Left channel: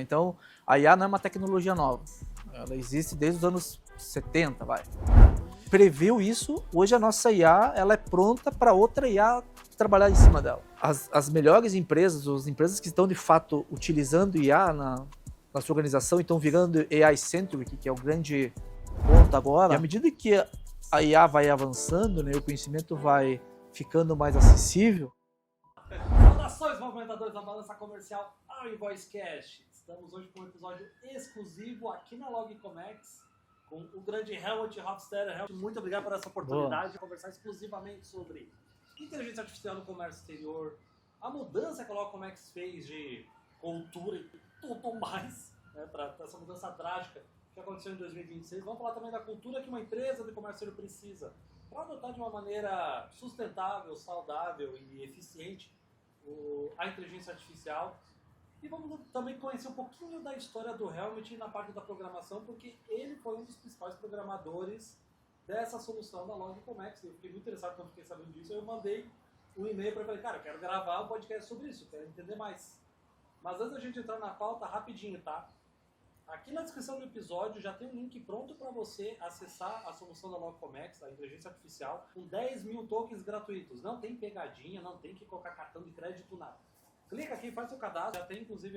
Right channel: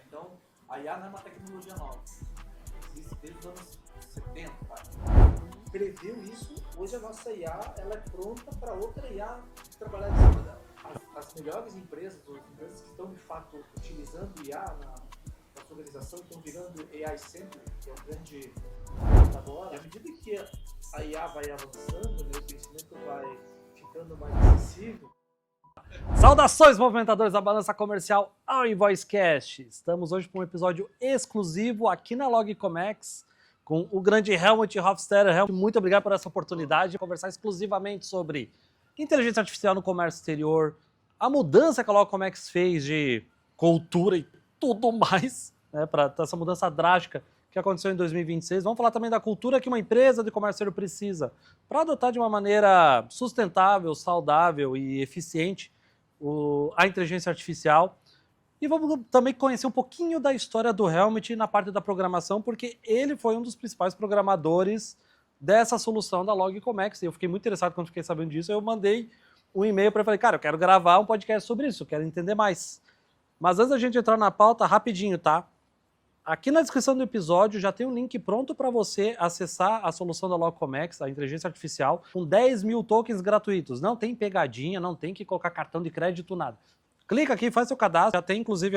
Então, a IA não é uma tecnologia nova. Ela existe desde os anos 70, vai. Previu isso, hoje a nossa IA ela é pronta para outra IA trabalhar em cima dela. As melhores empresas, as empresas que estão de fato utilizando IA na sua organização e estão virando AI-centric, que é o grande ponto agora, e à medida que a IA vai avançando, né, o conhecimento vai ficando mais acessível. Saudações, movimentadores da balança comercial ao InvoiceCast. Estamos hoje para um episódio exclusivo aqui na LogComex com o grande Helmut Hofstadter. Helmut, muito obrigado por essa oportunidade de conversar exclusivamente sobre inteligência artificial no comércio exterior, a mudança que a LogComex fez de cultura e tudo mais, né, para essa mudança drástica que aconteceu em 2026. Vamos falar também da cultura que uma empresa de comércio exterior precisa para adotar de uma maneira sustentável, saudável e eficiente a inteligência artificial. E vamos também conhecer um pouquinho da história do Helmut na parte da programação, porque ele foi um dos principais programadores dessa solução da LogComex. E eu fiquei muito interessado quando fiquei sabendo disso. Eu mandei um e-mail para ele e falei, cara, eu quero gravar um podcast sobre isso, eu quero entender mais. Mas antes da gente entrar na pauta, rapidinho, tá? Aqui na descrição do episódio já tem um link pronto para você acessar a solução da LogComex, a inteligência artificial, com 10 mil tokens gratuitos. Não tem pegadinha, não tem que colocar cartão de crédito, nada. Clica aqui, faz seu cadastro. Já tem inclusive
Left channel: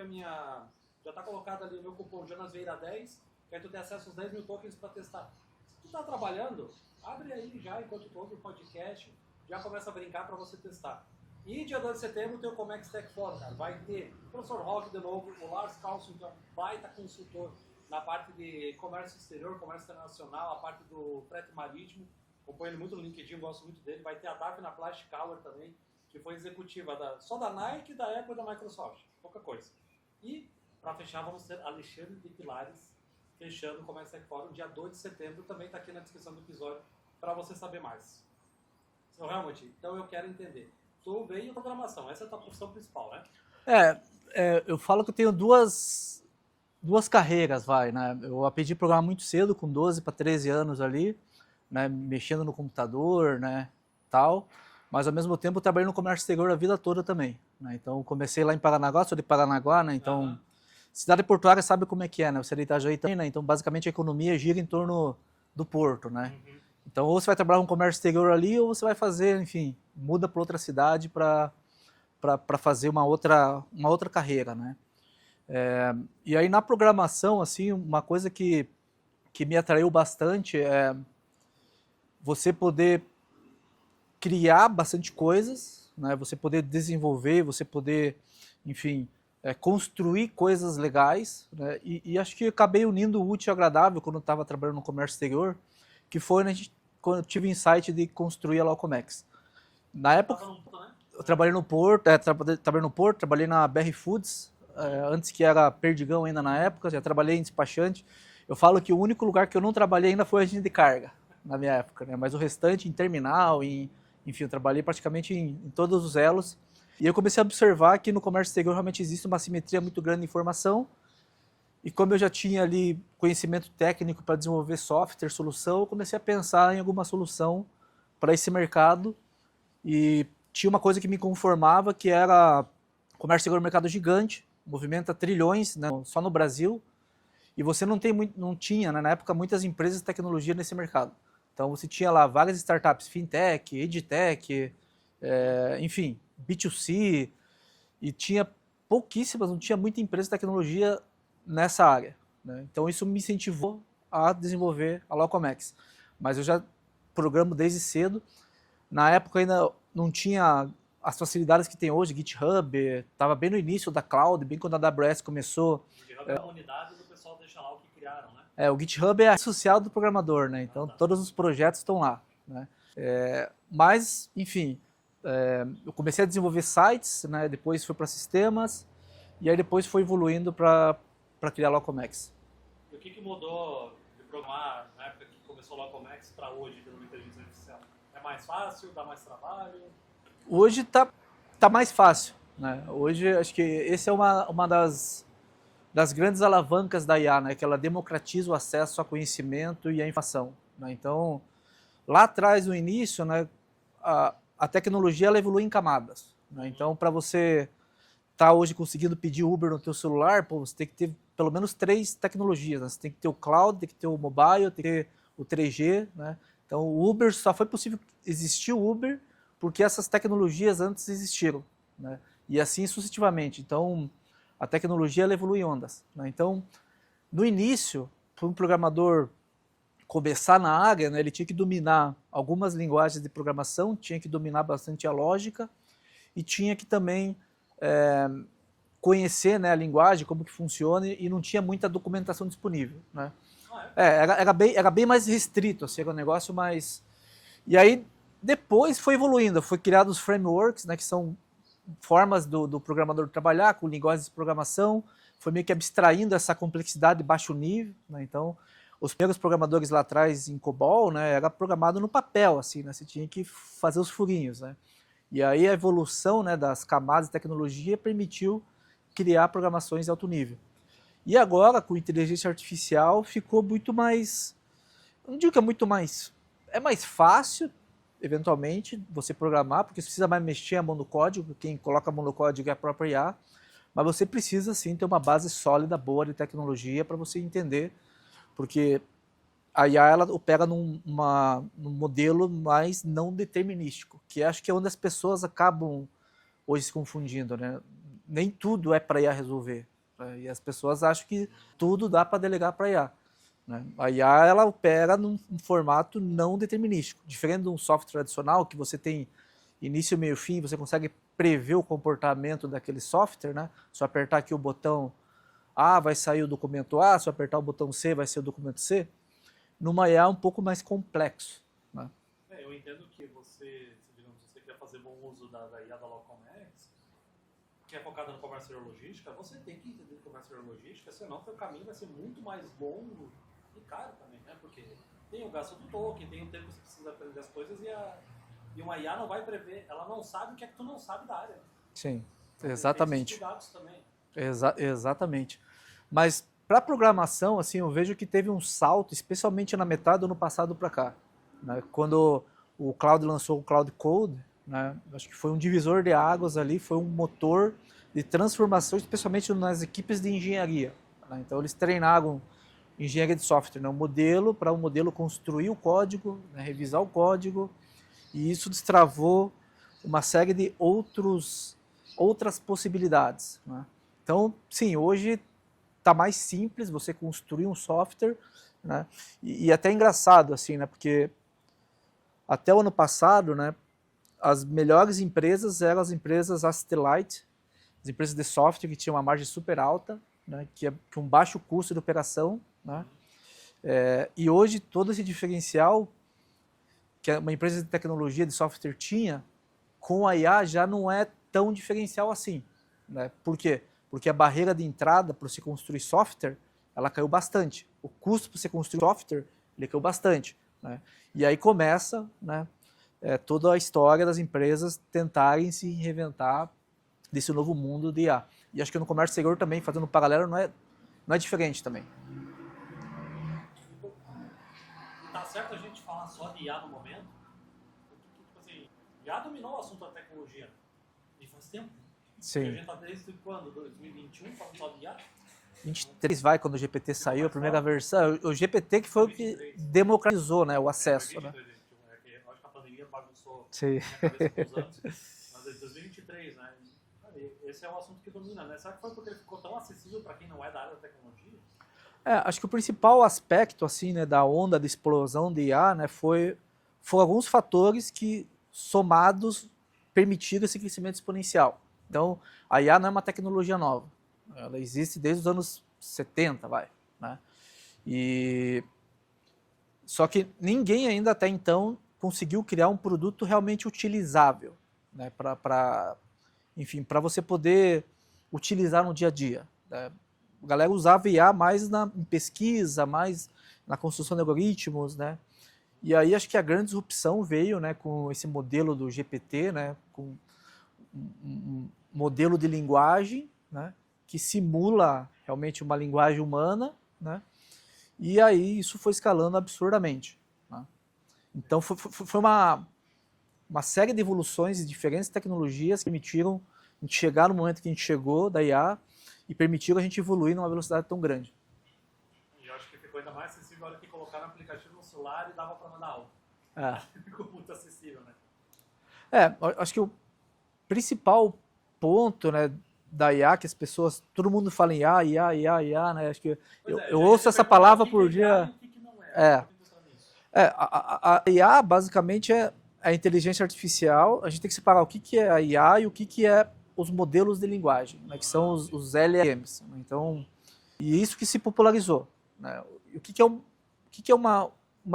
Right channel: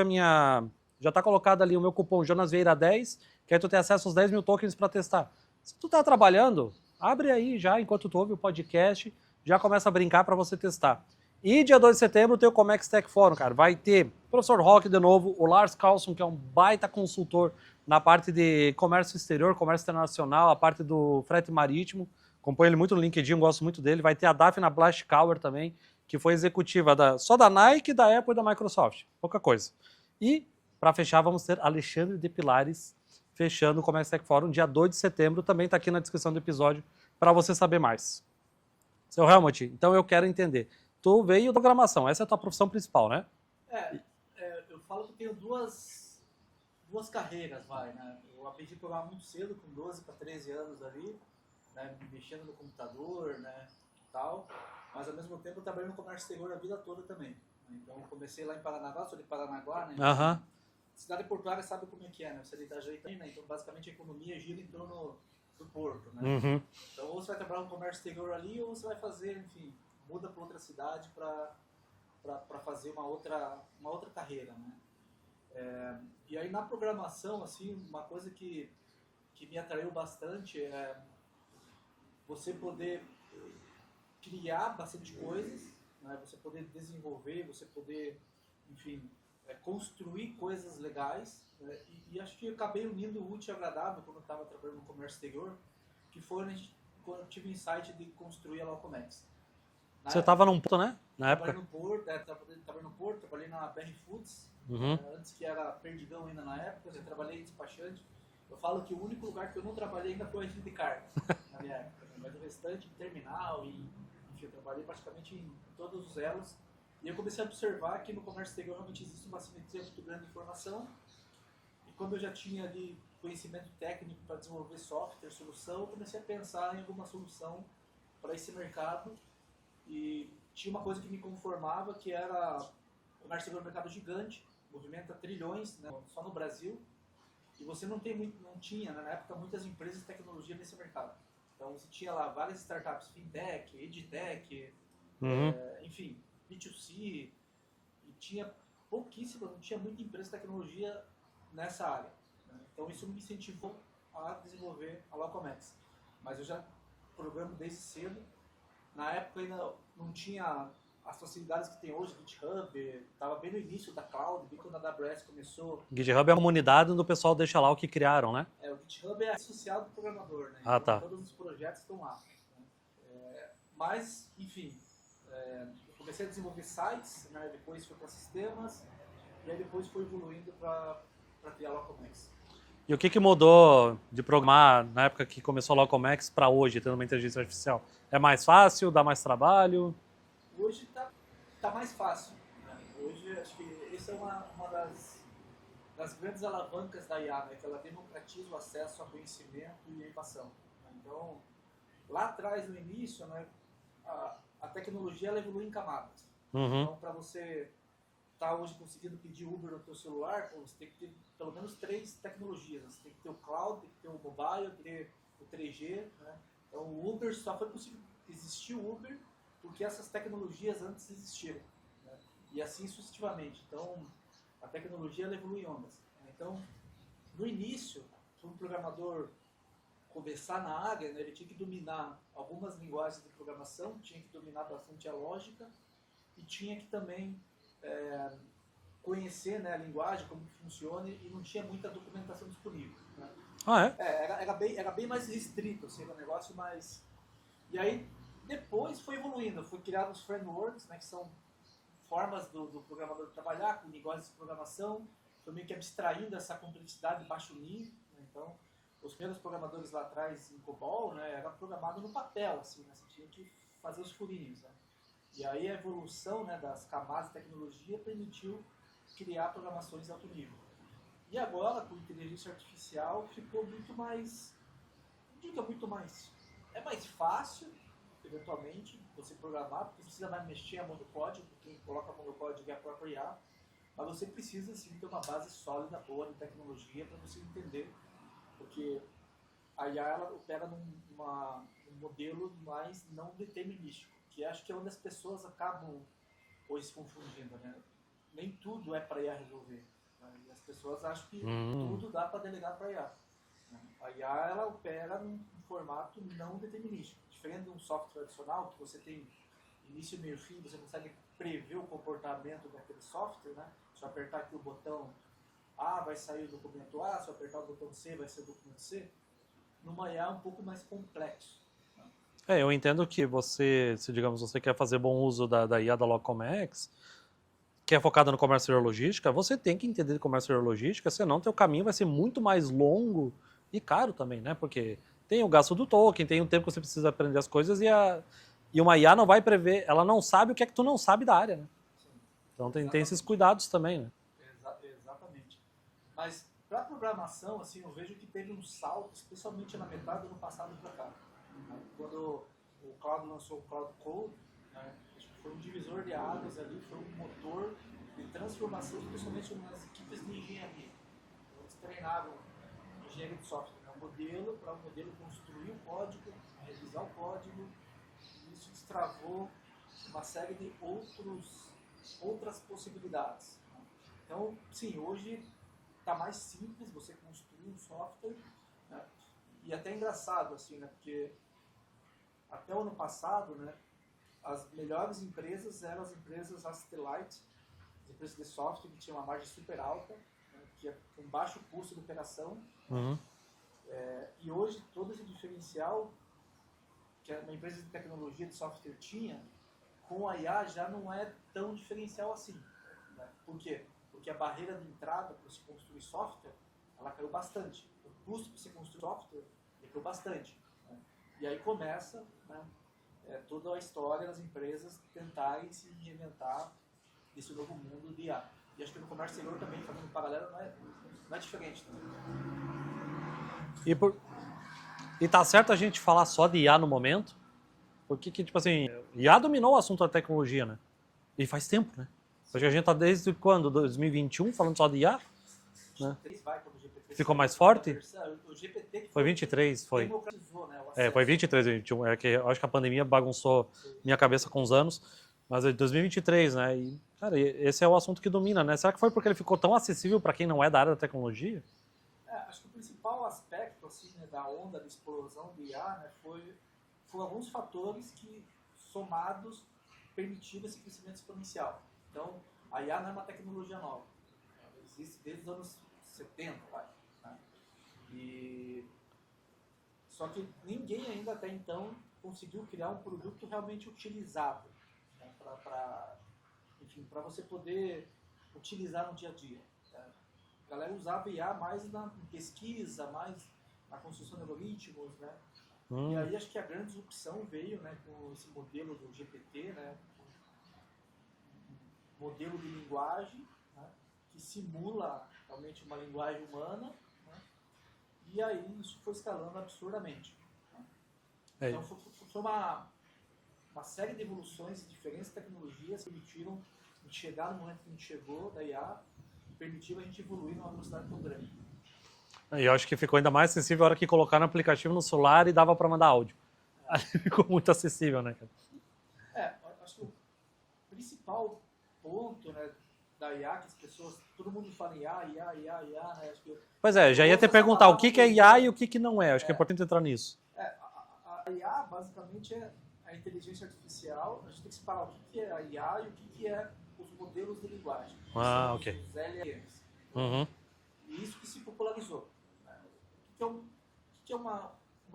já está colocado ali o meu cupom JonasVieira10, que aí tu tem acesso aos 10 mil tokens para testar. Se tu tá trabalhando, abre aí já enquanto tu ouve o podcast, já começa a brincar para você testar. E dia 2 de setembro tem o Comex Tech Forum, cara. Vai ter o professor Rock de novo, o Lars Carlson, que é um baita consultor na parte de comércio exterior, comércio internacional, a parte do frete marítimo. Acompanho ele muito no LinkedIn, gosto muito dele. Vai ter a Daphne Blaschkauer também, que foi executiva só da Nike, da Apple e da Microsoft. Pouca coisa. E, para fechar, vamos ter Alexandre de Pilares fechando o Comex Tech Forum dia 2 de setembro. Também está aqui na descrição do episódio para você saber mais. Seu Helmut, então eu quero entender. Tu veio da programação, essa é a tua profissão principal, né? Eu falo que eu tenho duas carreiras, né? Eu aprendi a programar muito cedo, com 12 para 13 anos ali, né? Mexendo no computador, né? Tal. Mas ao mesmo tempo eu trabalhei no comércio exterior a vida toda também, né? Então comecei lá em Paranaguá, sou de Paranaguá, né? Então, cidade portuária sabe como é que é, né? Você é de Itajaí também, né? Então basicamente a economia gira em torno do porto, né? Uhum. Então, ou você vai trabalhar no comércio exterior ali, ou você vai fazer, enfim, muda para outra cidade para fazer uma outra carreira, né? E aí, na programação, assim, uma coisa que me atraiu bastante é você poder criar bastante coisas, né? Você poder desenvolver, você poder, enfim, construir coisas legais, né? E acho que eu acabei unindo o útil e agradável quando eu estava trabalhando no comércio exterior, que foi quando eu tive o insight de construir a LogComex. Você estava num porto, né? Eu trabalhei no Porto, trabalhei na BR Foods, antes que era Perdigão ainda na época, já trabalhei em despachante. Eu falo que o único lugar que eu não trabalhei ainda foi agente de carga, na minha época, né? Mas o restante em terminal, enfim, eu trabalhei praticamente em todos os elos. E eu comecei a observar que no comércio exterior realmente existe uma simetria muito grande de informação. E como eu já tinha ali conhecimento técnico para desenvolver software, solução, eu comecei a pensar em alguma solução para esse mercado. E tinha uma coisa que me conformava, que era o comércio exterior é um mercado gigante, movimenta trilhões, né, só no Brasil. E você não tinha, né, na época, muitas empresas de tecnologia nesse mercado. Então você tinha lá várias startups, fintech, edtech, enfim, B2C, e tinha pouquíssimas, não tinha muita empresa de tecnologia nessa área, né? Então isso me incentivou a desenvolver a LogComex. Mas eu já programo desde cedo. Na época ainda não tinha as facilidades que tem hoje, GitHub, estava bem no início da cloud, bem quando a AWS começou. GitHub é uma comunidade onde o pessoal deixa lá o que criaram, né? O GitHub é a rede social do programador, né? Então todos os projetos estão lá, né? Mas, enfim, eu comecei a desenvolver sites, né? Depois fui para sistemas, e aí depois foi evoluindo para criar a LogComex. E o que mudou de programar na época que começou a LogComex para hoje, tendo uma inteligência artificial? É mais fácil? Dá mais trabalho? Hoje tá mais fácil, né? Hoje acho que esse é uma das grandes alavancas da IA, né? Que ela democratiza o acesso a conhecimento e a informação, né? Então, lá atrás, no início, né, a tecnologia ela evolui em camadas, né? Então, para você tá hoje conseguindo pedir Uber no teu celular, pô, você tem que ter pelo menos 3 tecnologias, né? Você tem que ter o cloud, tem que ter o mobile, tem que ter o 3G, né? Então o Uber só foi possível existir o Uber porque essas tecnologias antes existiram, né? E assim sucessivamente. Então a tecnologia ela evolui em ondas, né? Então no início, para um programador começar na área, né, ele tinha que dominar algumas linguagens de programação, tinha que dominar bastante a lógica e tinha que também conhecer, né, a linguagem, como que funciona, e não tinha muita documentação disponível, né? Ah, é? Era bem mais restrito, assim, era um negócio mais... E aí, depois foi evoluindo, foi criado os frameworks, né, que são formas do programador trabalhar com linguagens de programação, foi meio que abstraindo essa complexidade de baixo nível, né? Então, os primeiros programadores lá atrás em COBOL, né, era programado no papel, assim, né, você tinha que fazer os furinhos, né? E aí a evolução, né, das camadas de tecnologia permitiu criar programações de alto nível. E agora, com inteligência artificial, ficou muito mais... Não digo que é muito mais... É mais fácil, eventualmente, você programar, porque você precisa mais mexer a mão no código, quem coloca a mão no código é a própria IA, mas você precisa, sim, ter uma base sólida, boa de tecnologia para você entender, porque a IA ela opera num modelo mais não determinístico, que acho que é onde as pessoas acabam hoje se confundindo, né? Nem tudo é para IA resolver, né? E as pessoas acham que tudo dá para delegar para IA, né? A IA ela opera num formato não determinístico, diferente de um software tradicional que você tem início, meio, fim, você consegue prever o comportamento daquele software, né? Se eu apertar aqui o botão A, vai sair o documento A, se eu apertar o botão C, vai ser o documento C. Numa IA é um pouco mais complexo, né? Eu entendo que você, se digamos, você quer fazer bom uso da IA da Logcomex, que é focada no comércio e logística, você tem que entender de comércio e logística, senão teu caminho vai ser muito mais longo e caro também, né? Porque tem o gasto do token, tem o tempo que você precisa aprender as coisas e uma IA não vai prever, ela não sabe o que é que tu não sabe da área, né? Sim, Então tem esses exatamente. cuidados também, né? Exatamente. Mas para programação, assim, eu vejo que teve um salto, especialmente na metade do ano passado para cá, né? Quando o Cloud lançou o Cloud Code, né? Acho que foi um divisor de águas ali, foi um motor de transformação, especialmente nas equipes de engenharia, né? Então eles treinaram engenharia de software, né? Um modelo para o modelo construir o código, né? Revisar o código, e isso destravou uma série de outras possibilidades, né? Então, sim, hoje está mais simples você construir um software, né? E até engraçado, assim, né? Porque até o ano passado, né, as melhores empresas eram as empresas asset-light, as empresas de software que tinham uma margem super alta, né, que um baixo custo de operação, né? E hoje todo esse diferencial que uma empresa de tecnologia de software tinha, com a IA já não é tão diferencial assim, né? Por quê? Porque a barreira de entrada para você construir software, ela caiu bastante. O custo para você construir software, ele caiu bastante, né? E aí começa, né, toda a história das empresas tentarem se reinventar desse novo mundo de IA. E acho que no comércio exterior também, fazendo um paralelo, não é diferente também. E tá certo a gente falar só de IA no momento, porque, tipo assim, IA dominou o assunto da tecnologia, né? E faz tempo, né? Sim. Porque a gente tá desde quando? 2021 falando só de IA? 23 vai, quando o GPT Ficou saiu, mais a primeira forte? versão. O GPT que foi 23, que foi. democratizou, né, o acesso. Foi 23, 21. É que eu acho que a pandemia bagunçou Sim. minha cabeça com os anos. Mas é 2023, né? E, cara, esse é o assunto que domina, né? Será que foi porque ele ficou tão acessível para quem não é da área da tecnologia? Acho que o principal aspecto, assim, né, da onda de explosão de IA, né, foram alguns fatores que, somados, permitiram esse crescimento exponencial. Então, a IA não é uma tecnologia nova. Ela existe desde os anos 70, né? Só que ninguém ainda até então conseguiu criar um produto realmente utilizável, né, enfim, para você poder utilizar no dia a dia, né? A galera usava IA mais em pesquisa, mais na construção de algoritmos, né? E aí acho que a grande disrupção veio, né, com esse modelo do GPT, né, com um modelo de linguagem, né, que simula realmente uma linguagem humana, né? E aí isso foi escalando absurdamente, né? Então foi uma série de evoluções e diferentes tecnologias que permitiram a gente chegar no momento que a gente chegou da IA e permitiu a gente evoluir numa velocidade tão grande. E eu acho que ficou ainda mais acessível a hora que colocaram o aplicativo no celular e dava para mandar áudio. É. Ficou muito acessível, né, cara? Acho que o principal ponto, né, da IA, que as pessoas, todo mundo fala em IA, né? Acho que Pois é, eu já ia ouço te essa perguntar palavra o que por é IA dia. e o que não é. Acho que é importante entrar nisso. A IA basicamente é a inteligência artificial. A gente tem que separar o que é a IA e o que é os modelos de linguagem, né, que são ok. os LLMs. Né? Então, Uhum. e isso que se popularizou. Né? O que é uma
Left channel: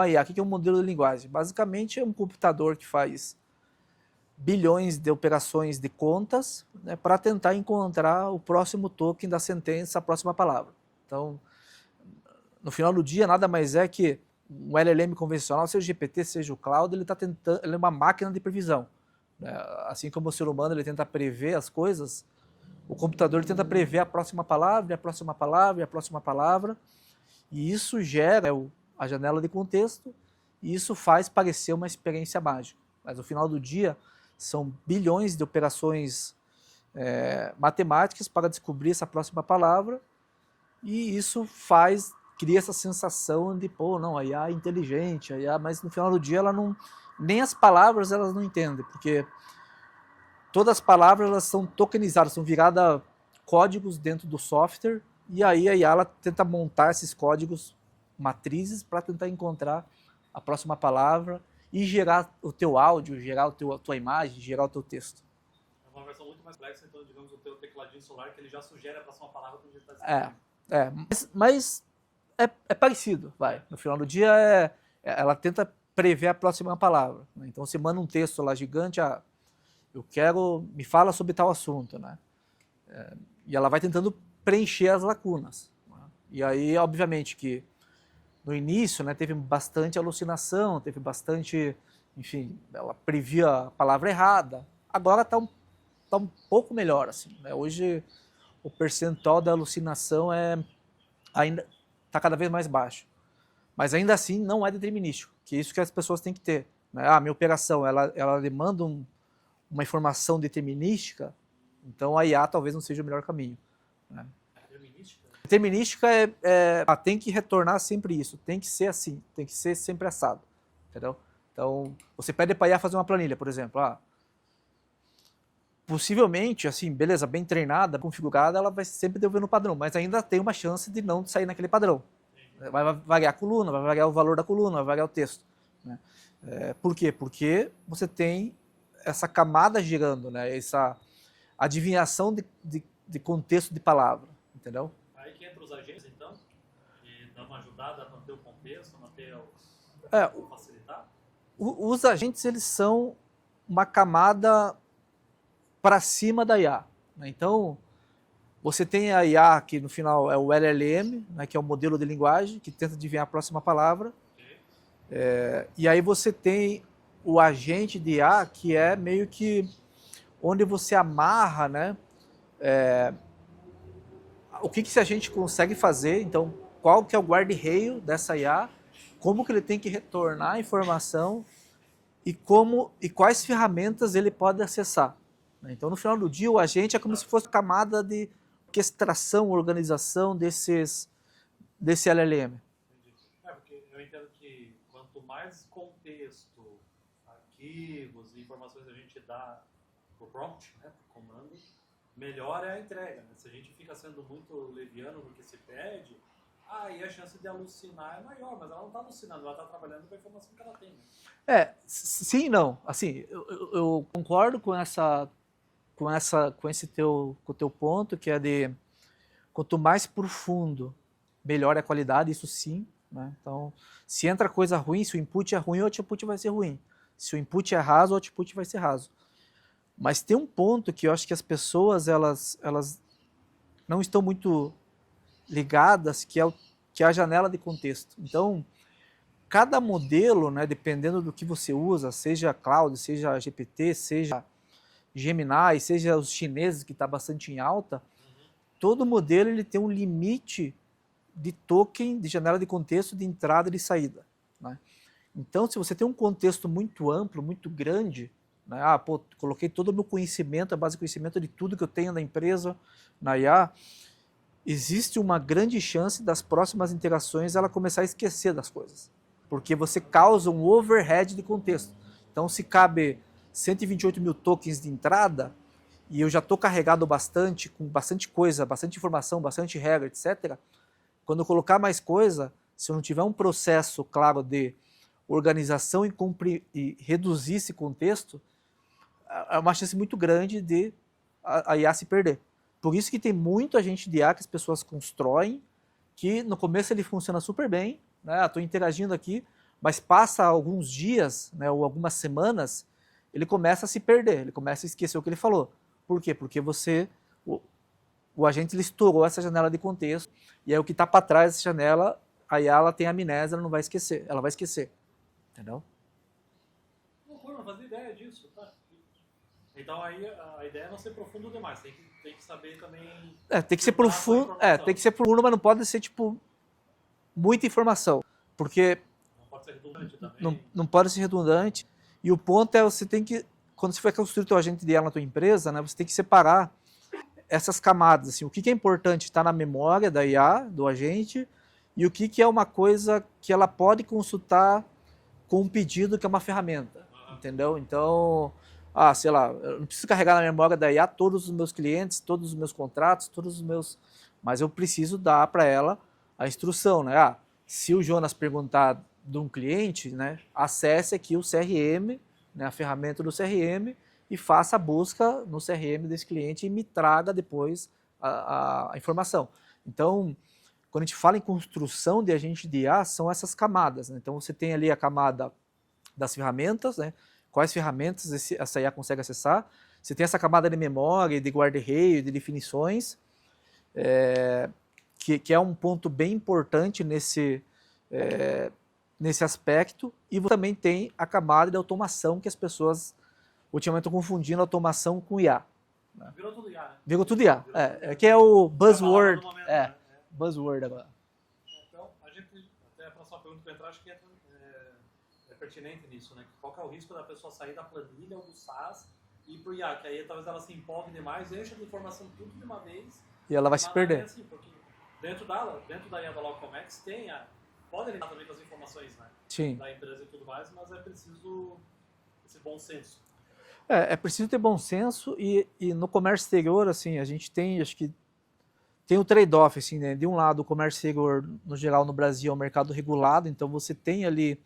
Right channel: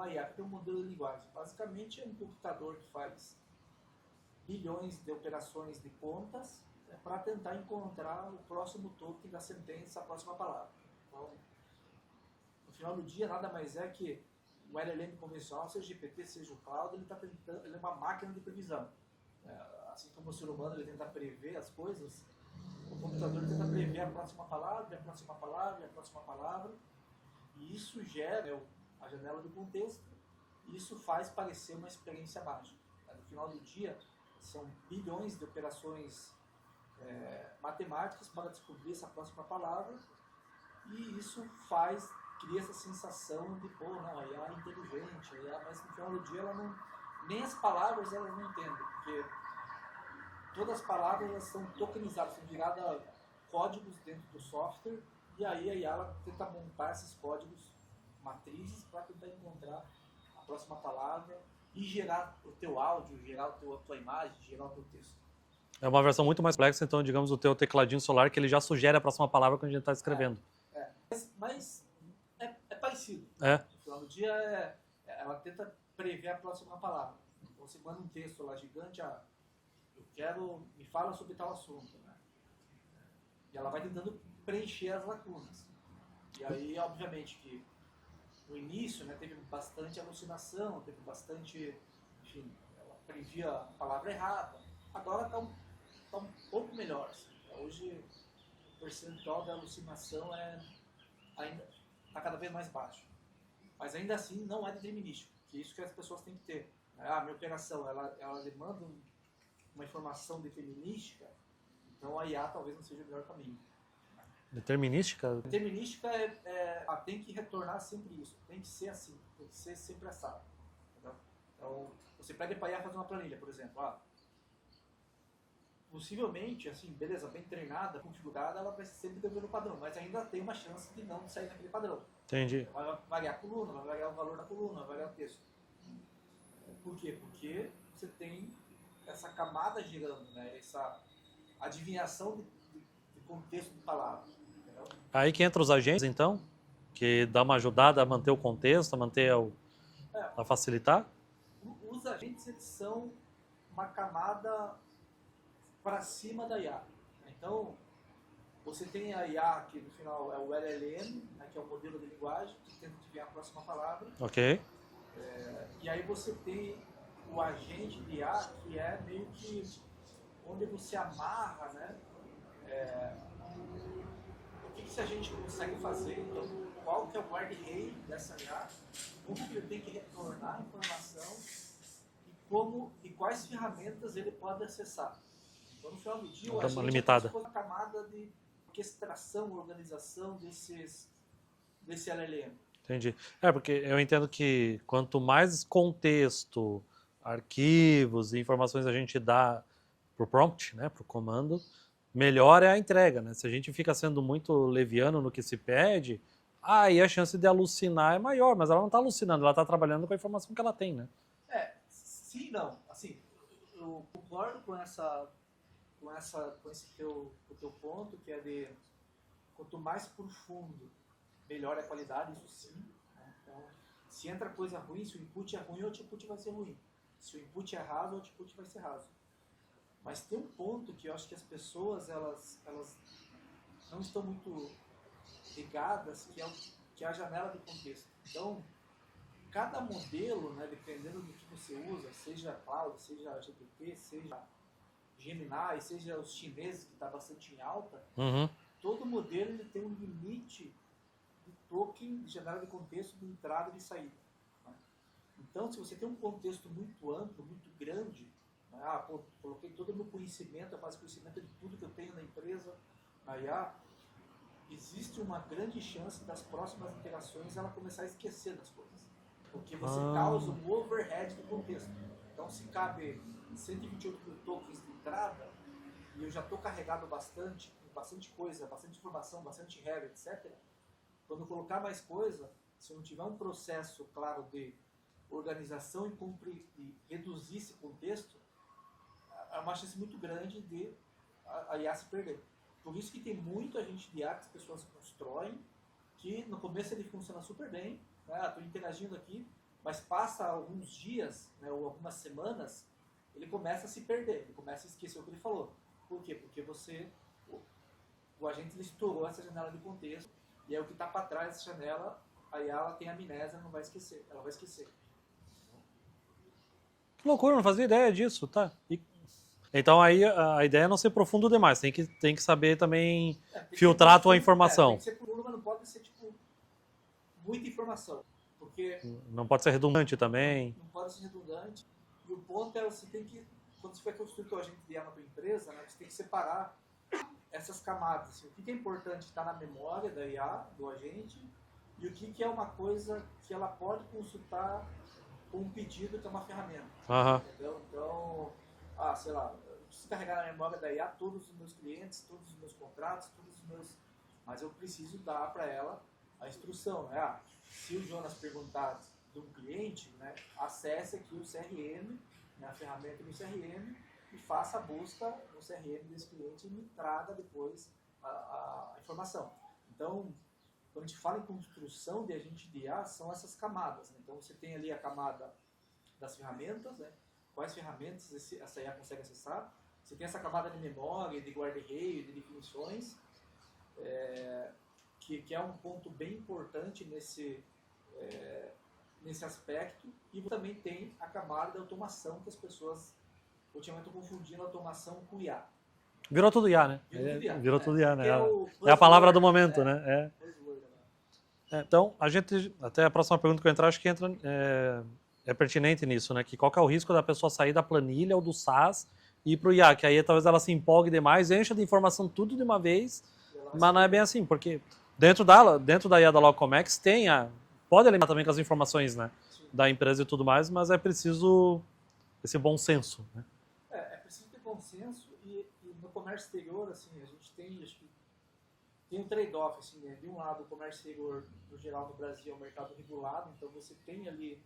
IA? O que é um modelo de linguagem? Basicamente é um computador que faz bilhões de operações de contas, né, para tentar encontrar o próximo token da sentença, a próxima palavra. Então, no final do dia, nada mais é que um LLM convencional, seja o GPT, seja o Cloud, ele é uma máquina de previsão. Né? Assim como o ser humano ele tenta prever as coisas, o computador ele tenta prever a próxima palavra, a próxima palavra, a próxima palavra, e isso gera a janela de contexto, e isso faz parecer uma experiência mágica. Mas no final do dia, são bilhões de operações matemáticas para descobrir essa próxima palavra, e isso cria essa sensação de, pô, não, a IA é inteligente, mas no final do dia ela não, nem as palavras elas não entendem, porque todas as palavras elas são tokenizadas, são viradas códigos dentro do software, e aí a IA ela tenta montar esses códigos matrizes para tentar encontrar a próxima palavra e gerar o teu áudio, gerar a tua imagem, gerar o teu texto. É uma versão muito mais complexa, então, digamos, o teu tecladinho solar, que ele já sugere a próxima palavra quando a gente está escrevendo. Mas é parecido. No final do dia, ela tenta prever a próxima palavra. Né? Então, você manda um texto lá gigante, me fala sobre tal assunto. Né? E ela vai tentando preencher as lacunas. Né? E aí, obviamente, que no início, né, teve bastante alucinação, teve bastante, enfim, ela previa a palavra errada. Agora está um pouco melhor. Assim, né? Hoje, o percentual da alucinação ainda está cada vez mais baixo. Mas ainda assim não é determinístico, que é isso que as pessoas têm que ter. Né? Minha operação ela demanda uma informação determinística, então a IA talvez não seja o melhor caminho. Né? Determinística? Determinística tem que retornar sempre isso, tem que ser assim, tem que ser sempre assado. Entendeu? Então, você pede para a IA fazer uma planilha, por exemplo. Possivelmente, assim, beleza, bem treinada, configurada, ela vai sempre devolver no padrão, mas ainda tem uma chance de não sair naquele padrão. Entendi. Vai variar a coluna, vai variar o valor da coluna, vai variar o texto. Né? Por quê? Porque você tem essa camada girando, né? Essa adivinhação de contexto de palavra, entendeu? Aí que entra os agentes, então, que dá uma ajudada a manter o contexto, a facilitar? Os agentes, eles são uma camada para cima da IA. Né? Então, você tem a IA, que no final é o LLM, né, que é o modelo de linguagem, que tenta adivinhar a próxima palavra. Ok. E aí você tem o agente de IA, que é meio que onde você amarra, né, o que esse agente consegue fazer, então qual que é o guarda-reio dessa IA, como que ele tem que retornar a informação e quais ferramentas ele pode acessar. Então, no final do dia, o agente é como se fosse uma camada de orquestração, organização desse LLM. Entendi. Porque eu entendo que quanto mais contexto, arquivos e informações a gente dá pro prompt, né, pro comando, melhor é a entrega, né? Se a gente fica sendo muito leviano no que se pede, aí a chance de alucinar é maior, mas ela não está alucinando, ela está trabalhando com a informação que ela tem, né? Sim e não. Assim, eu concordo com o teu ponto, que é de quanto mais profundo, melhor é a qualidade, isso sim. Né? Então, se entra coisa ruim, se o input é ruim, o output vai ser ruim. Se o input é raso, o output vai ser raso. Mas tem um ponto que eu acho que as pessoas elas não estão muito ligadas, que é a janela de contexto. Então, cada modelo, né, dependendo do que você usa, seja cloud, seja GPT, seja Gemini, seja os chineses, que está bastante em alta, todo modelo ele tem um limite de token, de janela de contexto, de entrada e de saída. Né? Então, se você tem um contexto muito amplo, muito grande, né? Pô, coloquei todo o meu conhecimento, a base de conhecimento de tudo que eu tenho na empresa, na IA. Existe uma grande chance das próximas interações ela começar a esquecer das coisas. Porque você causa um overhead de contexto. Então, se cabe 128 mil tokens de entrada, e eu já estou carregado bastante, com bastante coisa, bastante informação, bastante regra, etc., quando eu colocar mais coisa, se eu não tiver um processo claro de organização e reduzir esse contexto, é uma chance muito grande de a IA se perder. Por isso que tem muito agente de IA que as pessoas constroem, que no começo ele funciona super bem, né? Estou interagindo aqui, mas passa alguns dias, né, ou algumas semanas, ele começa a se perder, ele começa a esquecer o que ele falou. Por quê? Porque o agente ele estourou essa janela de contexto, e aí o que está para trás dessa janela, a IA ela tem amnésia, ela não vai esquecer, ela vai esquecer. Entendeu? Que loucura, não fazia ideia disso, tá? Então aí a ideia é não ser profundo demais, tem que saber também tem que filtrar a tua profundo, informação. Tem que ser profundo, mas não pode ser, tipo, muita informação. Porque não pode ser redundante também. Não pode ser redundante. E o ponto é, você tem que, quando você vai construir o teu agente de IA na tua empresa, né, você tem que separar essas camadas. Assim, o que é importante está na memória da IA, do agente, e o que é uma coisa que ela pode consultar com um pedido que é uma ferramenta. Entendeu? Então, sei lá, eu não preciso carregar na memória da IA todos os meus clientes, todos os meus contratos, todos os meus... Mas eu preciso dar para ela a instrução, né? Se o Jonas perguntar de um cliente, né, acesse aqui o CRM, né, a ferramenta do CRM, e faça a busca no CRM desse cliente e me traga depois a informação. Então, quando a gente fala em construção de agente de IA, são essas camadas, né? Então, você tem ali a camada das ferramentas, né? Quais ferramentas essa IA consegue acessar. Você tem essa camada de memória, de guarda-reio, de definições, que é um ponto bem importante nesse aspecto. E você também tem a camada de automação, que as pessoas ultimamente estão confundindo automação com IA. Virou tudo IA, né? Virou tudo IA. Virou tudo IA, né? Que é o buzzword. É a palavra do momento, né? Buzzword agora. Então, até a próxima pergunta que eu entrar, acho que entra, é pertinente nisso, né? Que qual que é o risco da pessoa sair da planilha ou do SaaS e ir para o IA, que aí talvez ela se empolgue demais, encha de informação tudo de uma vez, e ela vai mas não é bem assim, porque dentro da IA da Logocomex pode alimentar também com as informações, né? Sim. Da empresa e tudo mais, mas é preciso esse bom senso, né? É preciso ter bom senso e no comércio exterior, assim, a gente tem, acho que tem um trade-off, assim, né? De um lado, o comércio exterior, no geral, no Brasil, é um mercado regulado, então você tem ali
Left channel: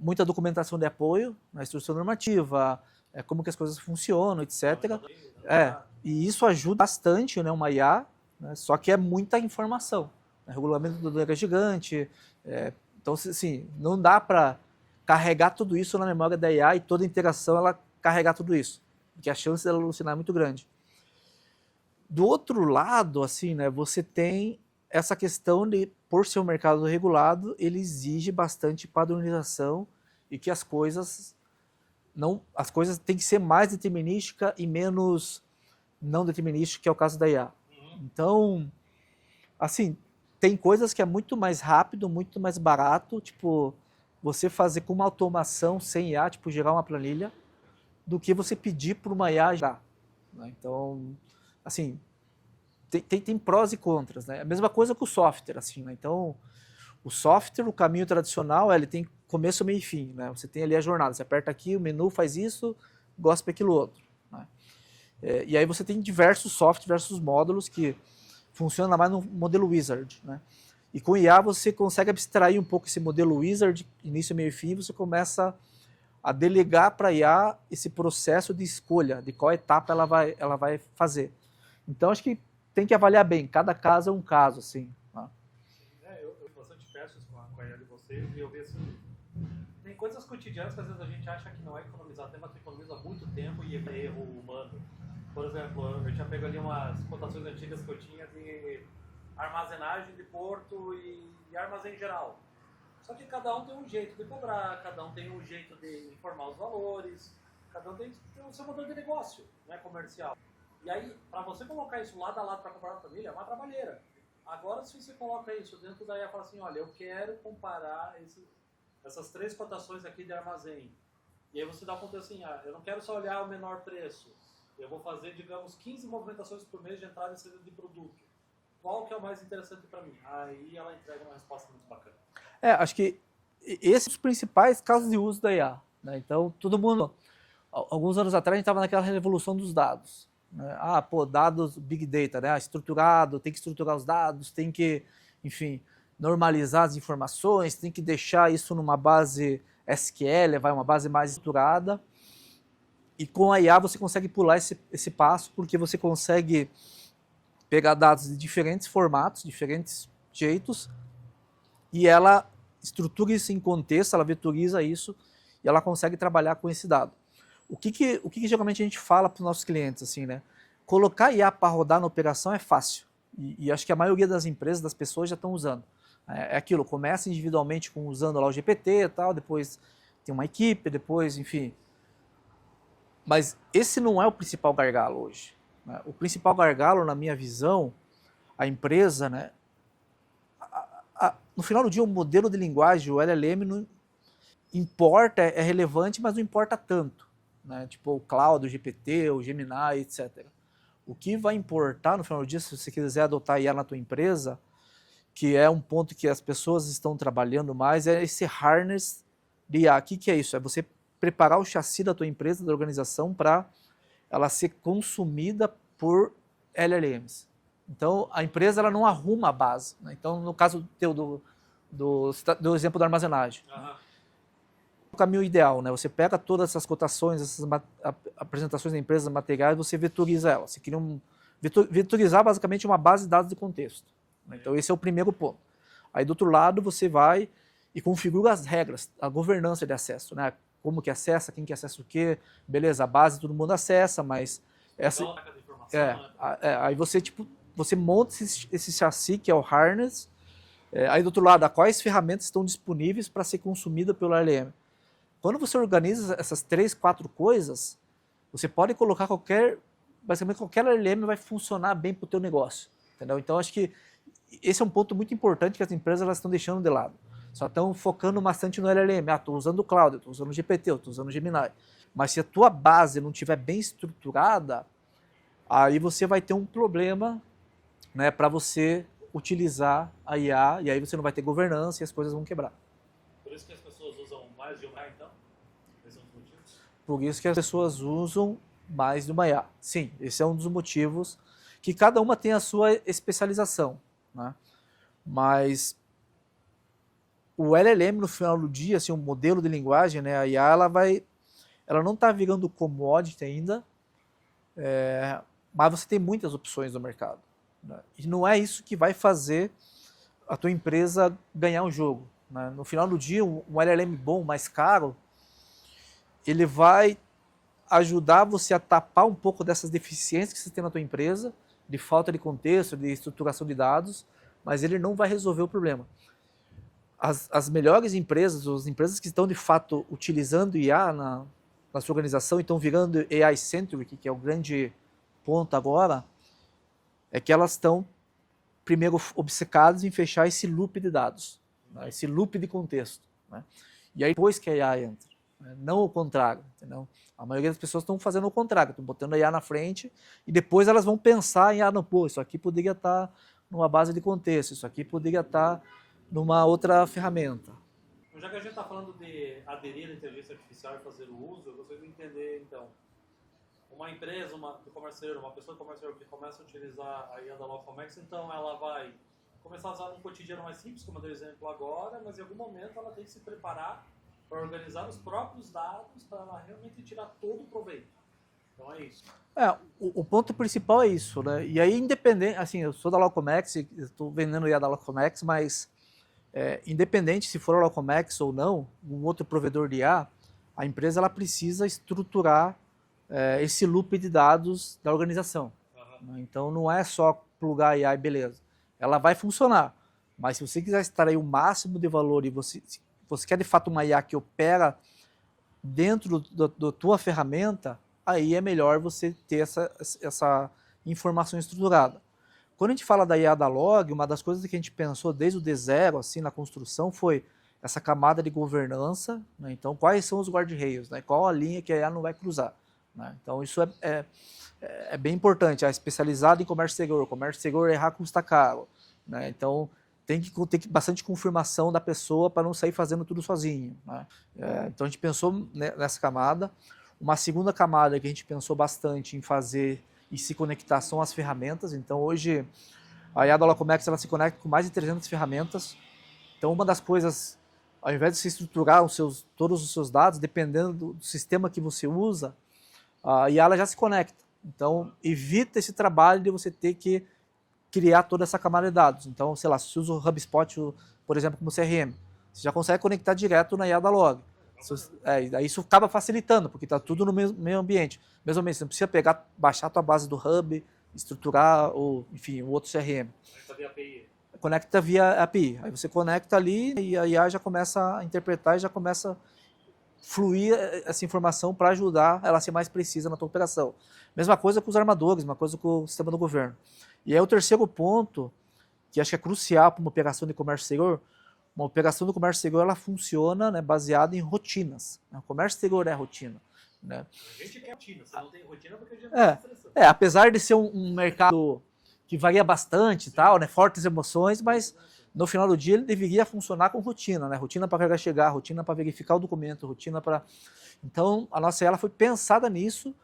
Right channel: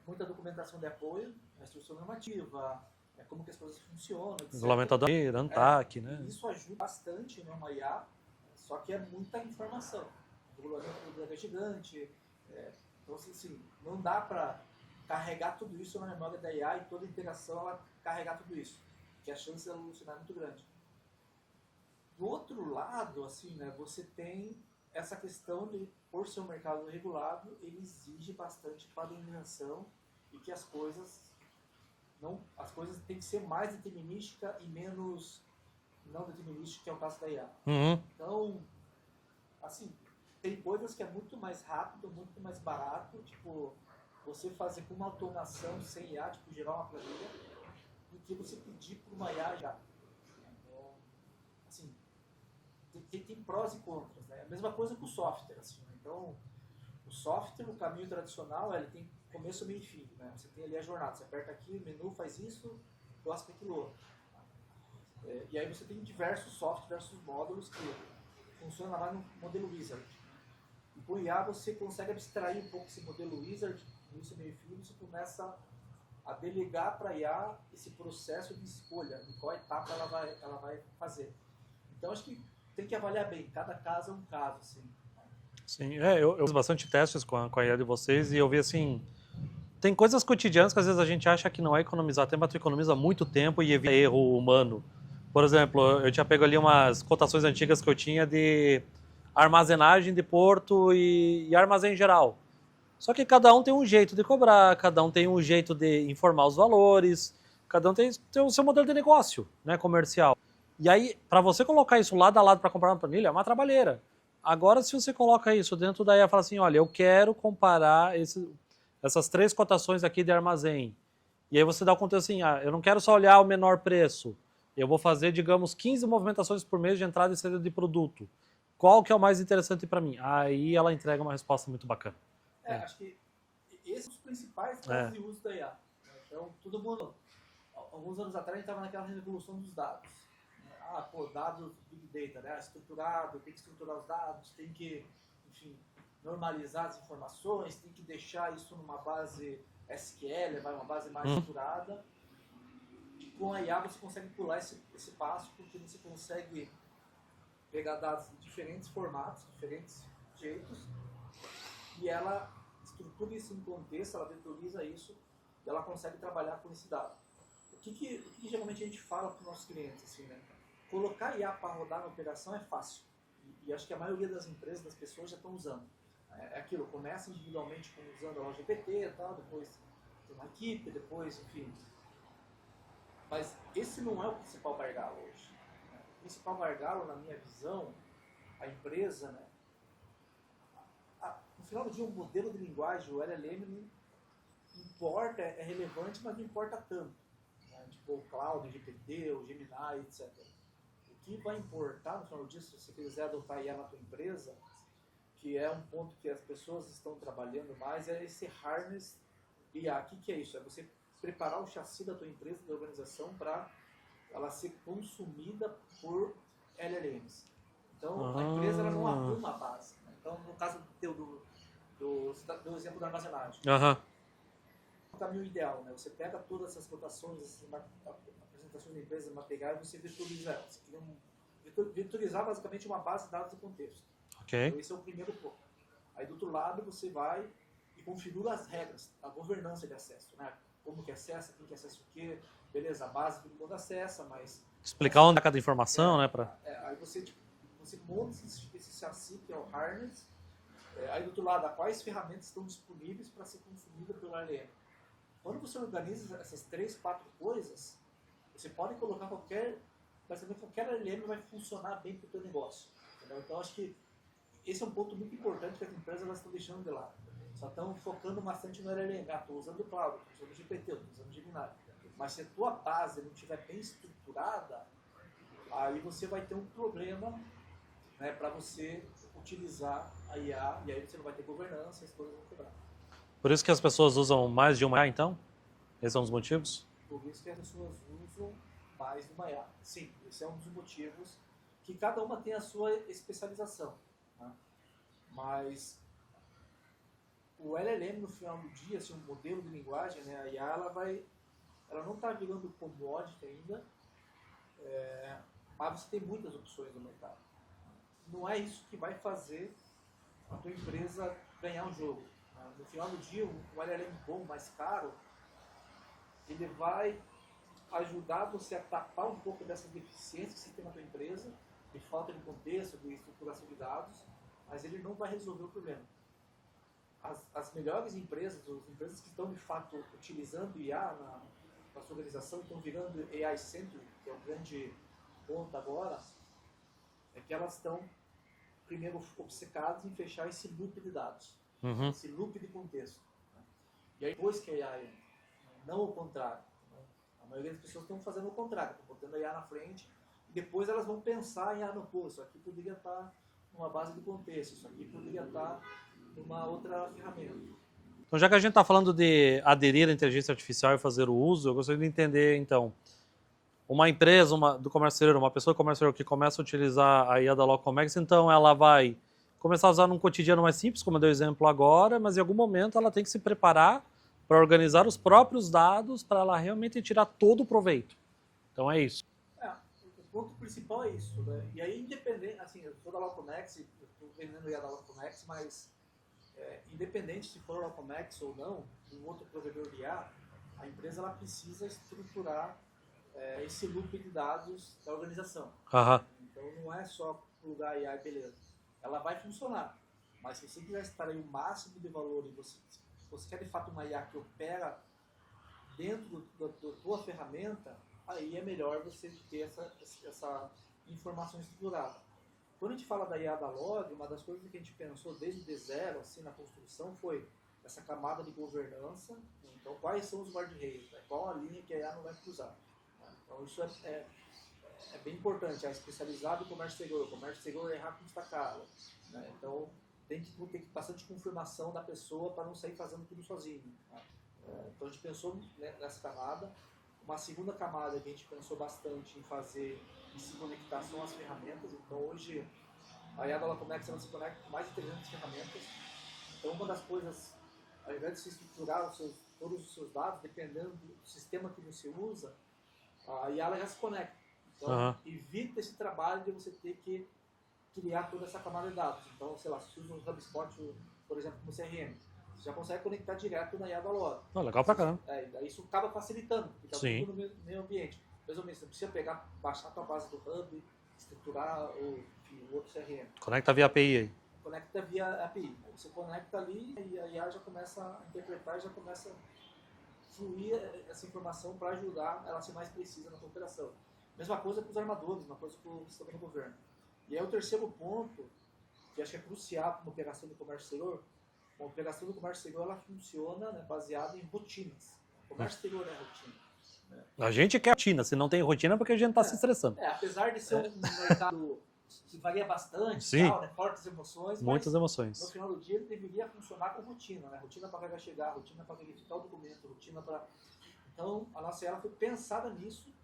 muita documentação de apoio, a instrução normativa, como que as coisas funcionam, etc. ANTAC, né? E isso ajuda bastante, né, uma IA, né? Só que é muita informação. O regulamento do é gigante, então, assim, não dá para carregar tudo isso na memória da IA e toda interação ela carregar tudo isso, porque a chance dela alucinar é muito grande. Do outro lado, assim, né, você tem essa questão de, por ser um mercado regulado, ele exige bastante padronização e que as coisas têm que ser mais determinística e menos não determinística, que é o caso da IA. Então, assim, tem coisas que é muito mais rápido, muito mais barato, tipo, você fazer com uma automação sem IA, tipo, gerar uma planilha, do que você pedir para uma IA gerar. Né? Então, assim, tem prós e contras, né? A mesma coisa com o software, assim, né? Então, o software, o caminho tradicional, ele tem começo, meio e fim, né? Você tem ali a jornada, você aperta aqui, o menu faz isso, gosta aquilo outro. Né? E aí você tem diversos softwares, diversos módulos que funcionam mais no modelo Wizard, né? E com IA você consegue abstrair um pouco esse modelo Wizard, início, meio e fim, e você começa a delegar para a IA esse processo de escolha, de qual etapa ela vai fazer. Então, acho que tem que avaliar bem, cada caso é um caso, assim. Né? Sim, eu fiz bastante testes com a IA de vocês e eu vi, assim, tem coisas cotidianas que às vezes a gente acha que não é economizar tempo, mas tu economiza muito tempo e evita erro humano. Por exemplo, eu tinha pego ali umas cotações antigas que eu tinha de armazenagem de porto e armazém geral. Só que cada um tem um jeito de cobrar, cada um tem um jeito de informar os valores, cada um tem o seu modelo de negócio, né, comercial. E aí, para você colocar isso lado a lado para comparar uma planilha, é uma trabalheira. Agora, se você coloca isso dentro da IA e fala assim, olha, eu quero comparar essas 3 cotações aqui de armazém. E aí você dá o conteúdo assim, eu não quero só olhar o menor preço. Eu vou fazer, digamos, 15 movimentações por mês de entrada e saída de produto. Qual que é o mais interessante para mim? Aí ela entrega uma resposta muito bacana. Acho que esses são os principais casos de uso da IA. Né? Então, todo mundo... Alguns anos atrás, a gente estava naquela revolução dos dados. Né? Dados, Big Data, né? Estruturado, tem que estruturar os dados, tem que, enfim, normalizar as informações, tem que deixar isso numa base SQL, uma base mais estruturada. E com a IA você consegue pular esse passo, porque você consegue pegar dados de diferentes formatos, diferentes jeitos, e ela estrutura isso em contexto, ela vetoriza isso, e ela consegue trabalhar com esse dado. O que geralmente a gente fala para os nossos clientes, assim, né? Colocar IA para rodar na operação é fácil. E acho que a maioria das empresas, das pessoas já estão usando. É aquilo, começa individualmente usando lá o GPT e tal, depois tem uma equipe, depois, enfim. Mas esse não é o principal gargalo hoje. Né? O principal gargalo, na minha visão, a empresa, né? No final do dia, o modelo de linguagem, o LLM, não importa, é relevante, mas não importa tanto. Né? Tipo o Cloud, o GPT, o Gemini, etc. O que vai importar no final do dia, se você quiser adotar IA na tua empresa, que é um ponto que as pessoas estão trabalhando mais, é esse harness de IA. O que é isso? É você preparar o chassi da tua empresa, da organização, para ela ser consumida por LLMs. Então, a empresa ela não arruma a base. Né? Então, no caso teu do exemplo da armazenagem, o caminho ideal, né? Você pega todas essas cotações, essas apresentações da empresa, materiais, você vetoriza elas. Você cria vetorizar basicamente uma base de dados de contexto. Okay. Então, esse é o primeiro ponto. Aí, do outro lado, você vai e configura as regras, a governança de acesso, né? Como que acessa, quem que acessa o quê. Beleza, a base todo mundo acessa, mas... Explicar onde é cada informação, né? Aí você monta esse chassi, que é o harness. Aí, do outro lado, quais ferramentas estão disponíveis para ser consumida pelo LLM. Quando você organiza essas 3, 4 coisas, você pode colocar basicamente qualquer LLM vai funcionar bem para o teu negócio. Entendeu? Então, acho que esse é um ponto muito importante que as empresas elas estão deixando de lado. Só estão focando bastante no LLM. Estou usando o Cloud, estou usando o GPT, estou usando o Gemini. Mas se a tua base não estiver bem estruturada, aí você vai ter um problema, né, para você utilizar a IA, e aí você não vai ter governança e as coisas vão quebrar. Por isso que as pessoas usam mais de uma IA, então? Esses são os motivos? Por isso que as pessoas usam mais de uma IA. Sim, esse é um dos motivos, que cada uma tem a sua especialização. Né? Mas o LLM, no final do dia, assim, um modelo de linguagem, né, a IA, ela não está virando commodity ainda, mas você tem muitas opções no mercado. Né? E não é isso que vai fazer a tua empresa ganhar um jogo. Né? No final do dia, um LLM bom, mais caro, ele vai ajudar você a tapar um pouco dessas deficiências que você tem na tua empresa, de falta de contexto, de estruturação de dados, mas ele não vai resolver o problema. As melhores empresas, as empresas que estão de fato utilizando IA na sua organização e estão virando AI-centric, que é o grande ponto agora, é que elas estão primeiro obcecadas em fechar esse loop de dados, né? Esse loop de contexto. Né? E aí depois que a IA entra, né? Não o contrário. Entendeu? A maioria das pessoas estão fazendo o contrário, estão botando a IA na frente e depois elas vão pensar em, isso aqui poderia estar numa base de contexto, isso aqui poderia estar numa outra ferramenta. Então, já que a gente está falando de aderir à inteligência artificial e fazer o uso, eu gostaria de entender, então, uma empresa do comércio exterior, uma pessoa do comércio exterior que começa a utilizar a IA da Locomex, então ela vai começar a usar num cotidiano mais simples, como eu dei o exemplo agora, mas em algum momento ela tem que se preparar para organizar os próprios dados para ela realmente tirar todo o proveito. Então é isso. O ponto principal é isso, né? E aí, independente, assim, eu sou da Locomex, estou vendendo IA da Locomex, mas independente se for a Locomex ou não, um outro provedor de IA, a empresa ela precisa estruturar esse loop de dados da organização. Né? Então não é só plugar a IA e beleza. Ela vai funcionar, mas se você quiser extrair o máximo de valor e você quer de fato uma IA que opera dentro da tua ferramenta, aí é melhor você ter essa informação estruturada. Quando a gente fala da IA da Log, uma das coisas que a gente pensou desde o D0, assim, na construção, foi essa camada de governança, né? Então, quais são os guarda-reios, né? Qual a linha que a IA não vai cruzar, né? Então, isso é bem importante. É especializado em comércio seguro errar custa caro, né? Então, tem que ter bastante confirmação da pessoa para não sair fazendo tudo sozinho, né? Então, a gente pensou nessa camada. Uma segunda camada que a gente pensou bastante em fazer e se conectar são as ferramentas. Então, hoje, a IA da Locomex, ela se conecta com mais de 300 ferramentas. Então, uma das coisas, ao invés de você estruturar todos os seus dados, dependendo do sistema que você usa, a IA ela já se conecta. Então, evita esse trabalho de você ter que criar toda essa camada de dados. Então, sei lá, se você usa o HubSpot, por exemplo, como CRM, você já consegue conectar direto na IA da Log. Legal pra caramba. E daí isso acaba facilitando, porque está tudo no mesmo ambiente. Mesmo ambiente, você não precisa baixar a tua base do Hub, estruturar, enfim, o outro CRM. Conecta via API aí. Conecta via API. Aí você conecta ali e a IA já começa a interpretar e já começa a fluir essa informação para ajudar ela a ser mais precisa na tua operação. Mesma coisa com os armadores, mesma coisa com o sistema do governo. E aí o terceiro ponto, que acho que é crucial para uma operação de comércio exterior, uma operação do comércio exterior ela funciona, né, baseada em rotinas. O comércio exterior é rotina, né? A gente quer rotina, se não tem rotina é porque a gente está se estressando. Apesar de ser um mercado que varia bastante e tal, né, fortes emoções, mas no final do dia ele deveria funcionar com rotina, né? Rotina para carregar chegar, rotina para verificar o documento, rotina para... Então, a nossa ela foi pensada nisso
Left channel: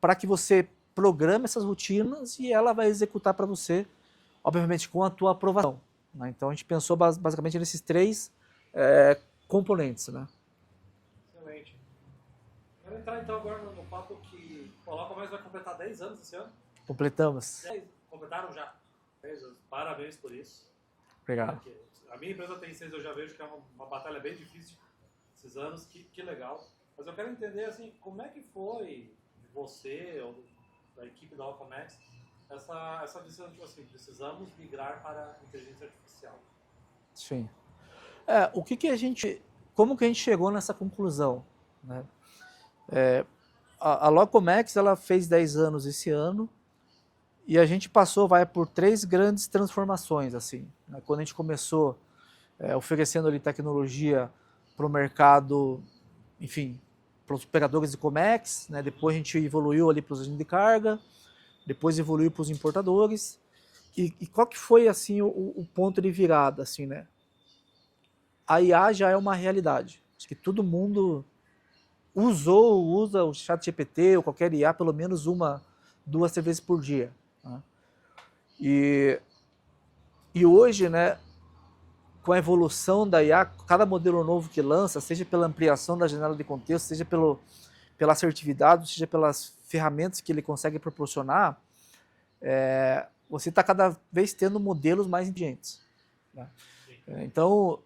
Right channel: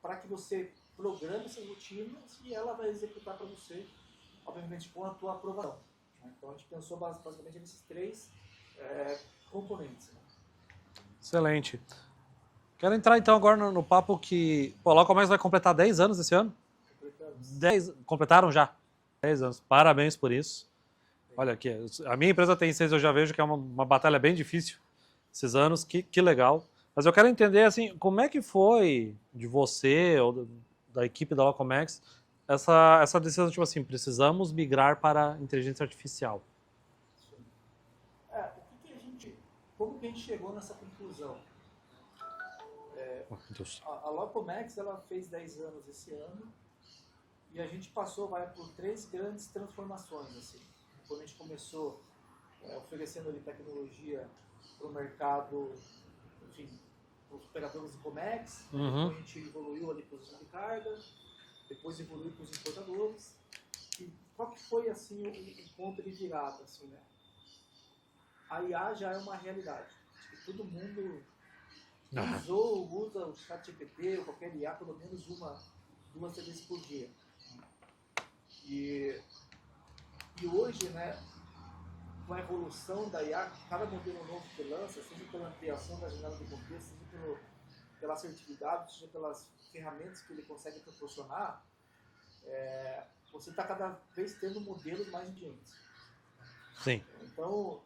para que você programe essas rotinas e ela vai executar para você, obviamente, com a tua aprovação, né? Então, a gente pensou basicamente nesses três componentes, né? Excelente. Quero entrar, então, agora no papo que... Pô, a Locomex vai completar 10 anos esse ano? Completamos. Completaram já? 10 anos. Parabéns por isso. Obrigado. Olha aqui, a minha empresa tem 6, eu já vejo que é uma batalha bem difícil esses anos, que legal. Mas eu quero entender, assim, como é que foi de você ou da equipe da Locomex essa decisão, tipo assim, precisamos migrar para inteligência artificial. Sim. Como que a gente chegou nessa conclusão, né? A Locomex, ela fez 10 anos esse ano e a gente passou, por 3 grandes transformações, assim, né? Quando a gente começou oferecendo ali tecnologia para o mercado, enfim, para os operadores de Comex, né? Depois a gente evoluiu ali para os agentes de carga, depois evoluiu para os importadores. E qual que foi, assim, o ponto de virada, assim, né? A IA já é uma realidade. Acho que todo mundo usa o ChatGPT ou qualquer IA pelo menos 1, 2, 3 vezes por dia, né? E hoje, né, com a evolução da IA, cada modelo novo que lança, seja pela ampliação da janela de contexto, seja pela assertividade, seja pelas ferramentas que ele consegue proporcionar, você está cada vez tendo modelos mais inteligentes, né? Sim. Então,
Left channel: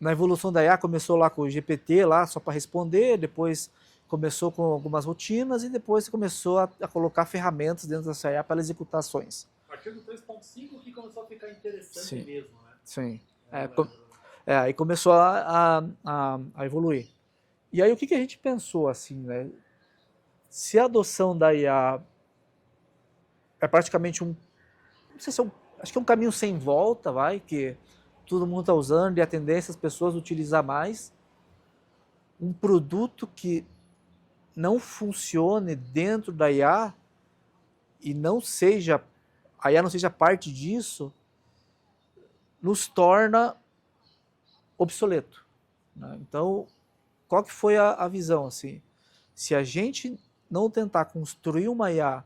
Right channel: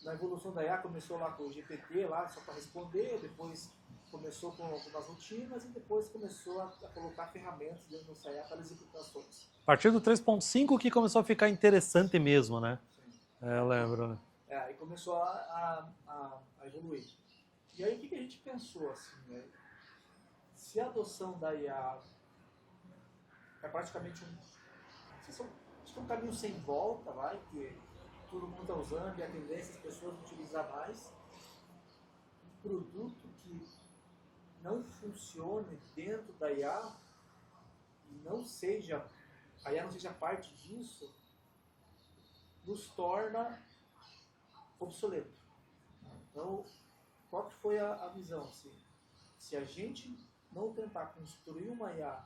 na evolução da IA, começou lá com o GPT, lá só para responder, depois começou com algumas rotinas e depois começou a colocar ferramentas dentro dessa IA para executar ações. A partir do 3.5 que começou a ficar interessante mesmo, né? Sim. Eu lembro, né? Aí começou a evoluir. E aí o que a gente pensou, assim, né? Se a adoção da IA é praticamente não sei se acho que é um caminho sem volta, que todo mundo está usando e a tendência é as pessoas utilizar mais, um produto que não funcione dentro da IA e a IA não seja parte disso, nos torna obsoleto, né? Então, qual que foi a visão, assim? Se a gente não tentar construir uma IA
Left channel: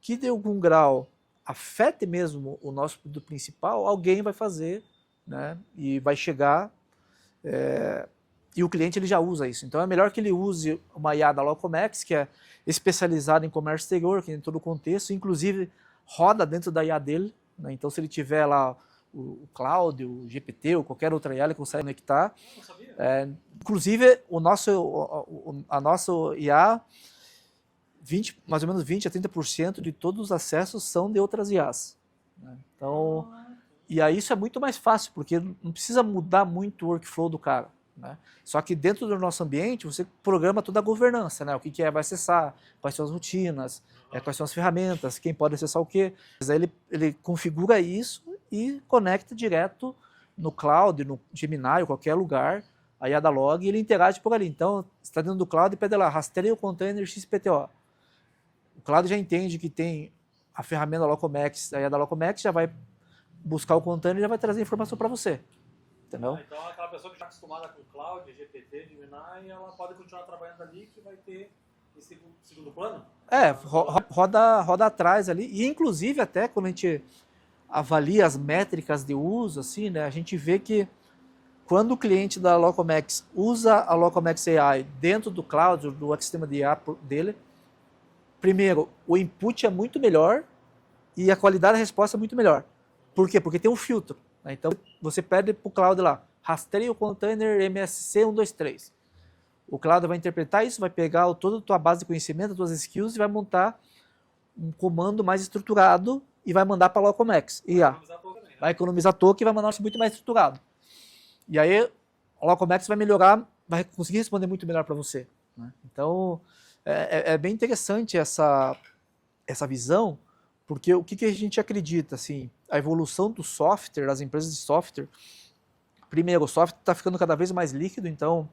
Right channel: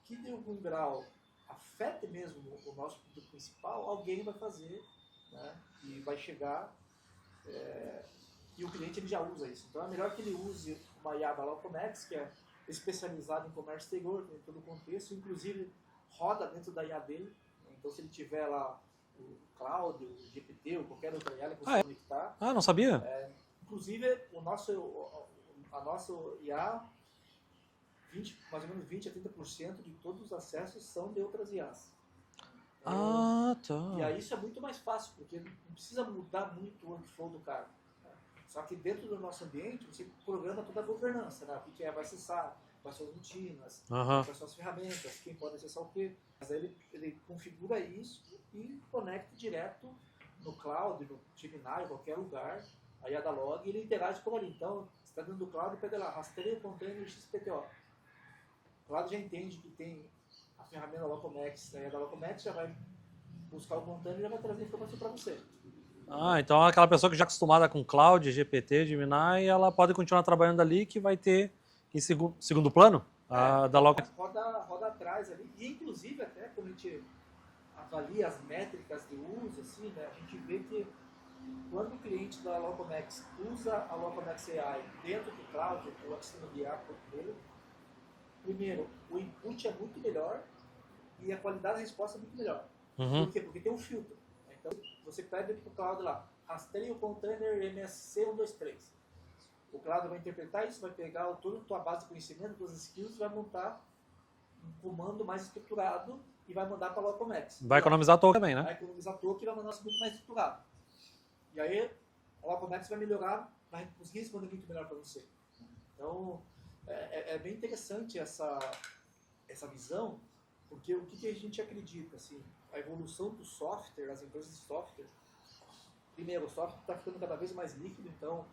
que de algum grau afete mesmo o nosso produto principal, alguém vai fazer, né? E vai chegar, e o cliente ele já usa isso. Então é melhor que ele use uma IA da Locomex, que é especializada em comércio exterior, que tem todo o contexto, inclusive roda dentro da IA dele, né? Então se ele tiver lá o Cloud, o GPT ou qualquer outra IA, ele consegue conectar. Não sabia? Inclusive a nossa IA, mais ou menos 20 a 30% de todos os acessos são de outras IAs. Então, e aí isso é muito mais fácil, porque não precisa mudar muito o workflow do cara, né? Só que dentro do nosso ambiente, você programa toda a governança, né? O que vai acessar, quais são as rotinas, quais são as ferramentas, quem pode acessar o quê. Mas aí ele configura isso e conecta direto no cloud, no Gemini, ou qualquer lugar, a IA da log, e ele interage por ali. Então, você está dentro do cloud e pede lá, rastreia o container XPTO. O cloud já entende que tem a ferramenta da Locomex, a IA da Locomex já vai buscar o container e já vai trazer a informação para você. Ah, então aquela pessoa que já é acostumada com cloud, GPT, Gemini, ela pode continuar trabalhando ali que vai ter em segundo plano? Roda atrás ali. E inclusive até quando a gente avalia as métricas de uso, assim, né, a gente vê que quando o cliente da Locomex usa a Locomex AI dentro do cloud, do ecossistema de IA dele, primeiro, o input é muito melhor e a qualidade da resposta é muito melhor. Por quê? Porque tem um filtro. Né? Então, você pede para o cloud lá, rastreia o container MSC 123. O cloud vai interpretar isso, vai pegar toda a tua base de conhecimento, as tuas skills e vai montar um comando mais estruturado e vai mandar para a Locomex. Vai economizar token também, né? Vai economizar token e vai mandar um muito mais estruturado. E aí, a Locomex vai melhorar, vai conseguir responder muito melhor para você. Né? Então, é bem interessante essa visão, porque o que a gente acredita? Assim, a evolução do software, das empresas de software, primeiro, o software está ficando cada vez mais líquido, então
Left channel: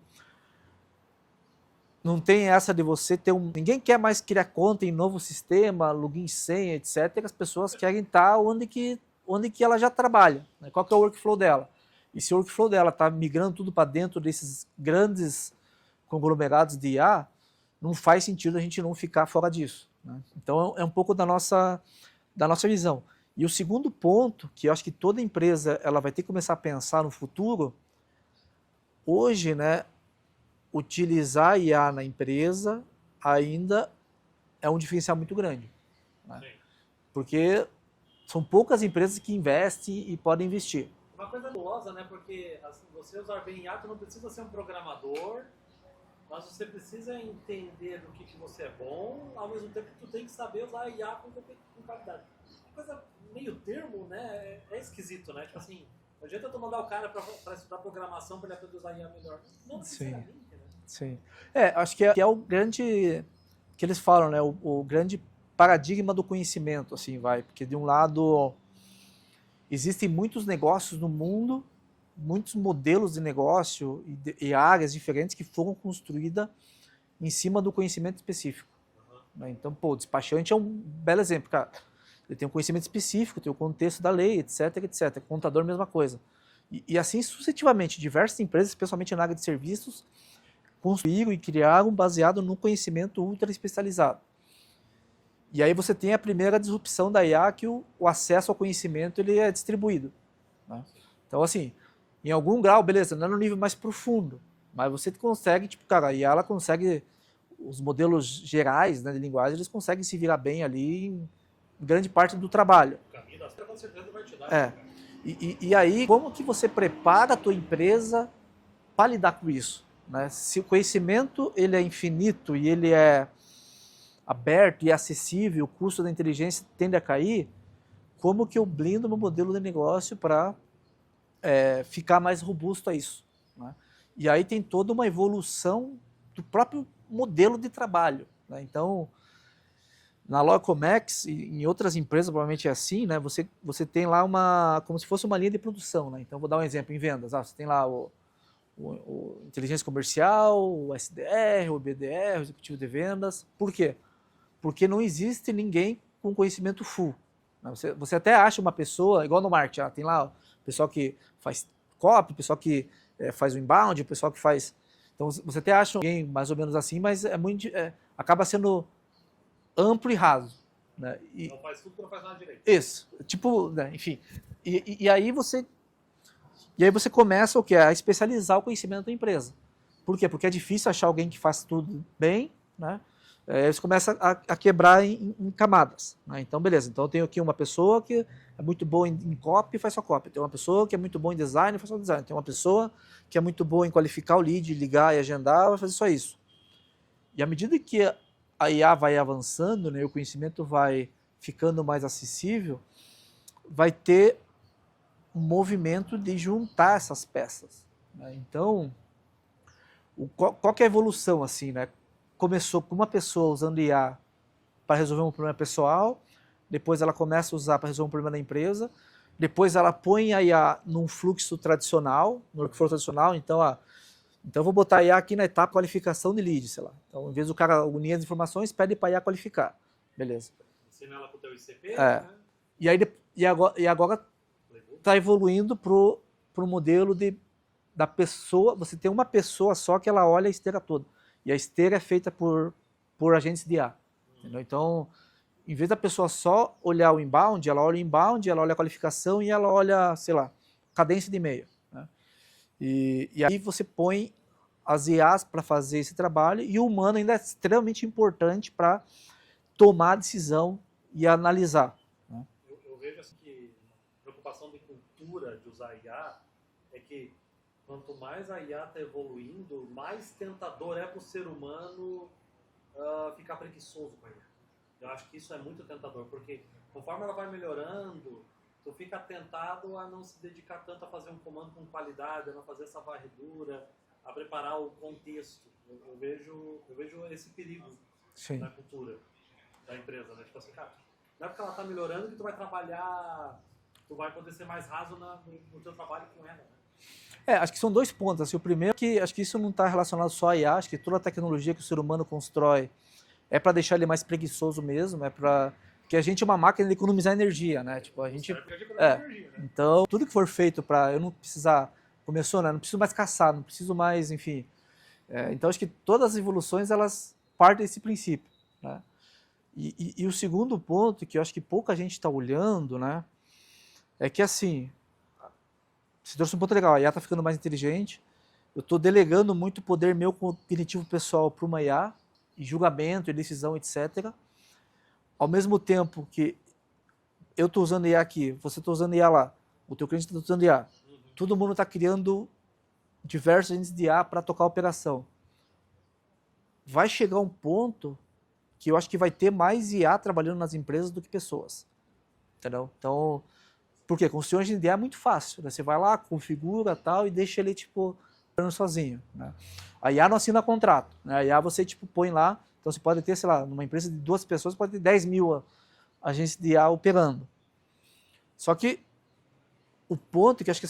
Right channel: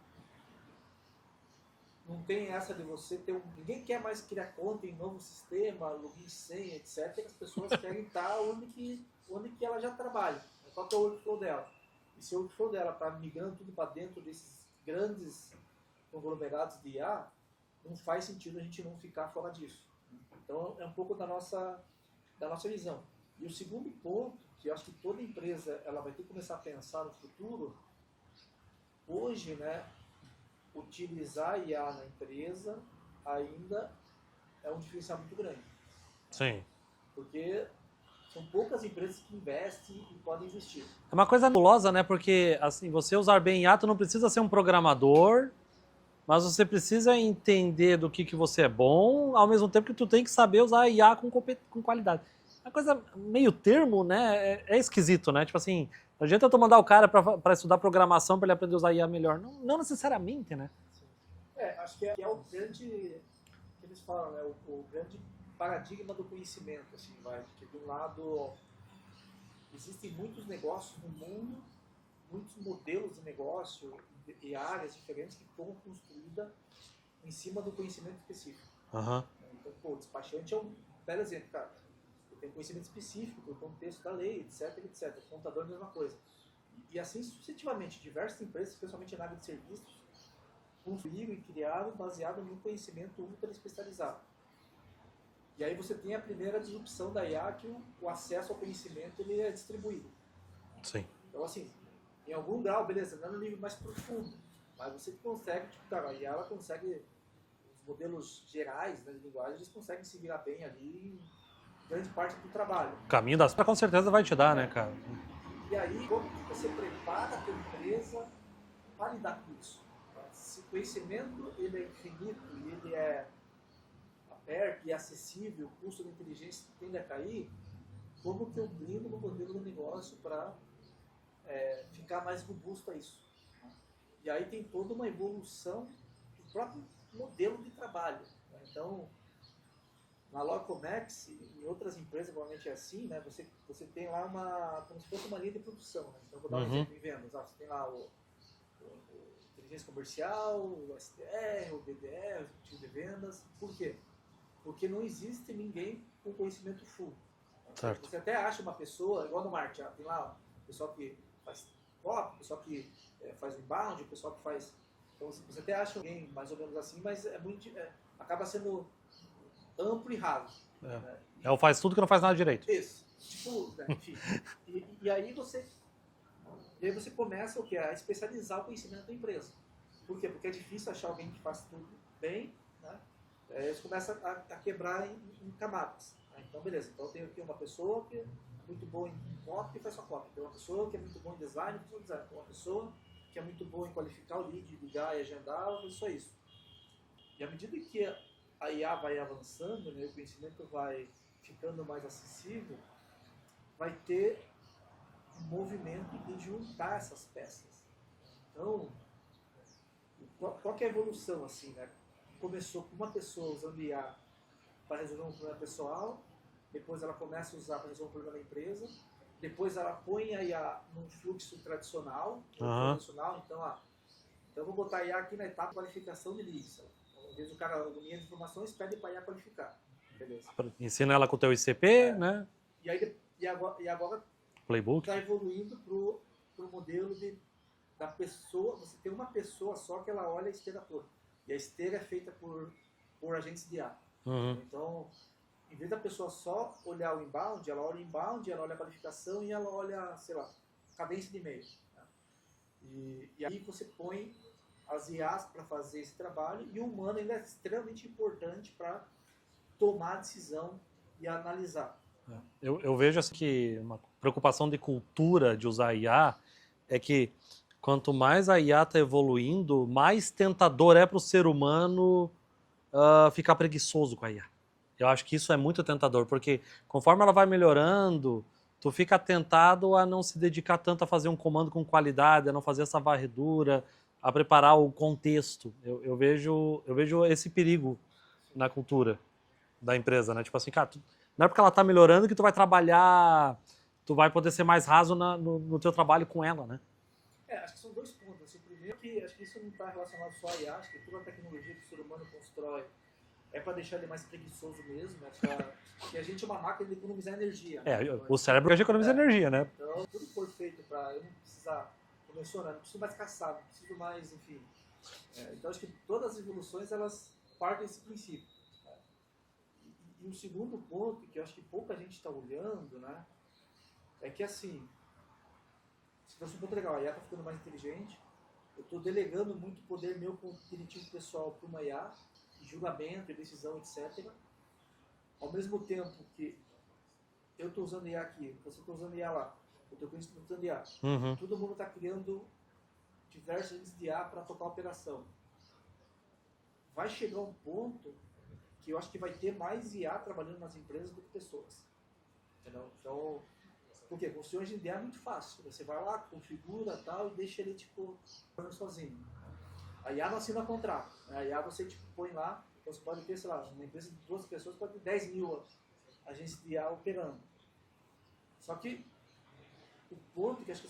não tem essa de você ter ninguém quer mais criar conta em novo sistema, login, senha, etc. As pessoas querem estar onde que ela já trabalha. Né? Qual que é o workflow dela? E se o workflow dela está migrando tudo para dentro desses grandes conglomerados de IA, não faz sentido a gente não ficar fora disso. Né? Então, é um pouco da nossa visão. E o segundo ponto, que eu acho que toda empresa ela vai ter que começar a pensar no futuro, hoje, né, utilizar IA na empresa ainda é um diferencial muito grande. Né? Sim. Porque são poucas empresas que investem e podem investir. É uma coisa nebulosa, né? Porque assim, você usar bem IA, tu não precisa ser um programador, mas você precisa entender do que você é bom, ao mesmo tempo que tu tem que saber usar a IA com qualidade. Uma coisa meio termo, né? É esquisito, né? Tipo assim, não adianta tu mandar o cara para estudar programação para ele aprender a usar IA melhor. Não necessariamente, Sim. né? Sim. Acho que é o grande, que eles falam, né? O grande paradigma do conhecimento, assim, vai. Porque de um lado, existem muitos negócios no mundo, muitos modelos de negócio e áreas diferentes que foram construídas em cima do conhecimento específico. Né? Então, o despachante é um belo exemplo, cara. Ele tem um conhecimento específico, tem o contexto da lei, etc, etc. Contador, mesma coisa. E assim sucessivamente, diversas empresas, especialmente na área de serviços, construíram e criaram baseado no conhecimento ultra especializado. E aí você tem a primeira disrupção da IA, que o acesso ao conhecimento ele é distribuído. Né? Sim. Então, assim, em algum grau, beleza, não é no nível mais profundo, mas você consegue, tipo, cara, a IA ela consegue, os modelos gerais, né, de linguagem, eles conseguem se virar bem ali em grande parte do trabalho. O caminho das com certeza vai te dar, né, cara? E aí, como que você prepara a tua empresa para lidar com isso? Né? Se o conhecimento ele é infinito e ele é aberto e acessível, o custo da inteligência tende a cair, como que eu blindo meu modelo de negócio para ficar mais robusto a isso? Né? E aí tem toda uma evolução do próprio modelo de trabalho. Né? Então, na Locomex e em outras empresas provavelmente é assim, né? Você tem lá como se fosse uma linha de produção, né? Então vou dar um exemplo em vendas. Você tem lá o inteligência comercial, o SDR, o BDR, o executivo de vendas. Por quê? Porque não existe ninguém com conhecimento full. Né? Você até acha uma pessoa, igual no marketing, tem lá o pessoal que faz copy, o pessoal que faz o inbound, o pessoal que faz... Então você até acha alguém mais ou menos assim, mas acaba sendo amplo e raso. Né? Ela faz tudo que não faz nada direito. Isso. Tipo, né? Enfim. E aí você começa o quê? A especializar o conhecimento da empresa. Por quê? Porque é difícil achar alguém que faz tudo bem, né? Você começa a quebrar em camadas. Né? Então, beleza. Então, eu tenho aqui uma pessoa que é muito boa em copy e faz só copy. Tem uma pessoa que é muito boa em design e faz só design. Tem uma pessoa que é muito boa em qualificar o lead, ligar e agendar, vai fazer só isso. E à medida que a IA vai avançando, né, o conhecimento vai ficando mais acessível, vai ter um movimento de juntar essas peças. Né? Então, qual que é a evolução? Assim, né? Começou com uma pessoa usando IA para resolver um problema pessoal, depois ela começa a usar para resolver um problema da empresa, depois ela põe a IA num fluxo tradicional, então eu vou botar a IA aqui na etapa qualificação de lead, sei lá. Então, em vez do cara unir as informações, pede para a IA qualificar. Beleza. Ensina ela com o teu ICP, né? E agora Playbook. está evoluindo pro modelo da pessoa, você tem uma pessoa só que ela olha a esteira toda. E a esteira é feita por agentes de IA. Então, em vez da pessoa só olhar o inbound, ela olha o inbound, ela olha a qualificação e ela olha, sei lá, cadência de e-mail. Né? E aí você põe as IAs para fazer esse trabalho e o humano ainda é extremamente importante para tomar a decisão e analisar. Né? Eu vejo assim que uma preocupação de cultura de usar IA é que quanto mais a IA está evoluindo, mais tentador é para o ser humano ficar preguiçoso com a IA. Eu acho que isso é muito tentador, porque conforme ela vai melhorando, tu fica tentado a não se dedicar tanto a fazer um comando com qualidade, a não fazer essa varredura, a preparar o contexto. Eu vejo esse perigo Sim. na cultura da empresa, né? Tipo assim, cara, não é porque ela está melhorando que tu vai trabalhar, tu vai poder ser mais raso no teu trabalho com ela, né? Acho que são dois pontos. Assim, o primeiro é que acho que isso não está relacionado só à IA, acho que toda a tecnologia que o ser humano constrói é para deixar ele mais preguiçoso mesmo, é para que a gente é uma máquina de economizar energia, né? O cérebro hoje economiza energia, né? Então, tudo que for feito para eu não precisar, começou, né? Não preciso mais caçar, não preciso mais, enfim. Então, acho que todas as evoluções, elas partem desse princípio, né? E o segundo ponto, que eu acho que pouca gente está olhando, né? É que, assim, você trouxe um ponto legal, a IA está ficando mais inteligente, eu estou delegando muito poder meu cognitivo pessoal para uma IA, e julgamento, e decisão, etc. Ao mesmo tempo que eu estou usando IA aqui, você está usando IA lá, o teu cliente está usando IA, todo mundo está criando diversos agentes de IA para tocar a operação. Vai chegar um ponto que eu acho que vai ter mais IA trabalhando nas empresas do que pessoas. Entendeu? Então, por quê? Construir um agente de IA é muito fácil. Né? Você vai lá, configura tal e deixa ele, tipo, sozinho. Né? A IA não assina contrato. Né? A IA você, tipo, põe lá. Então, você pode ter, sei lá, numa empresa de 2 pessoas, pode ter 10 mil agentes de IA operando. Só que o ponto que acho que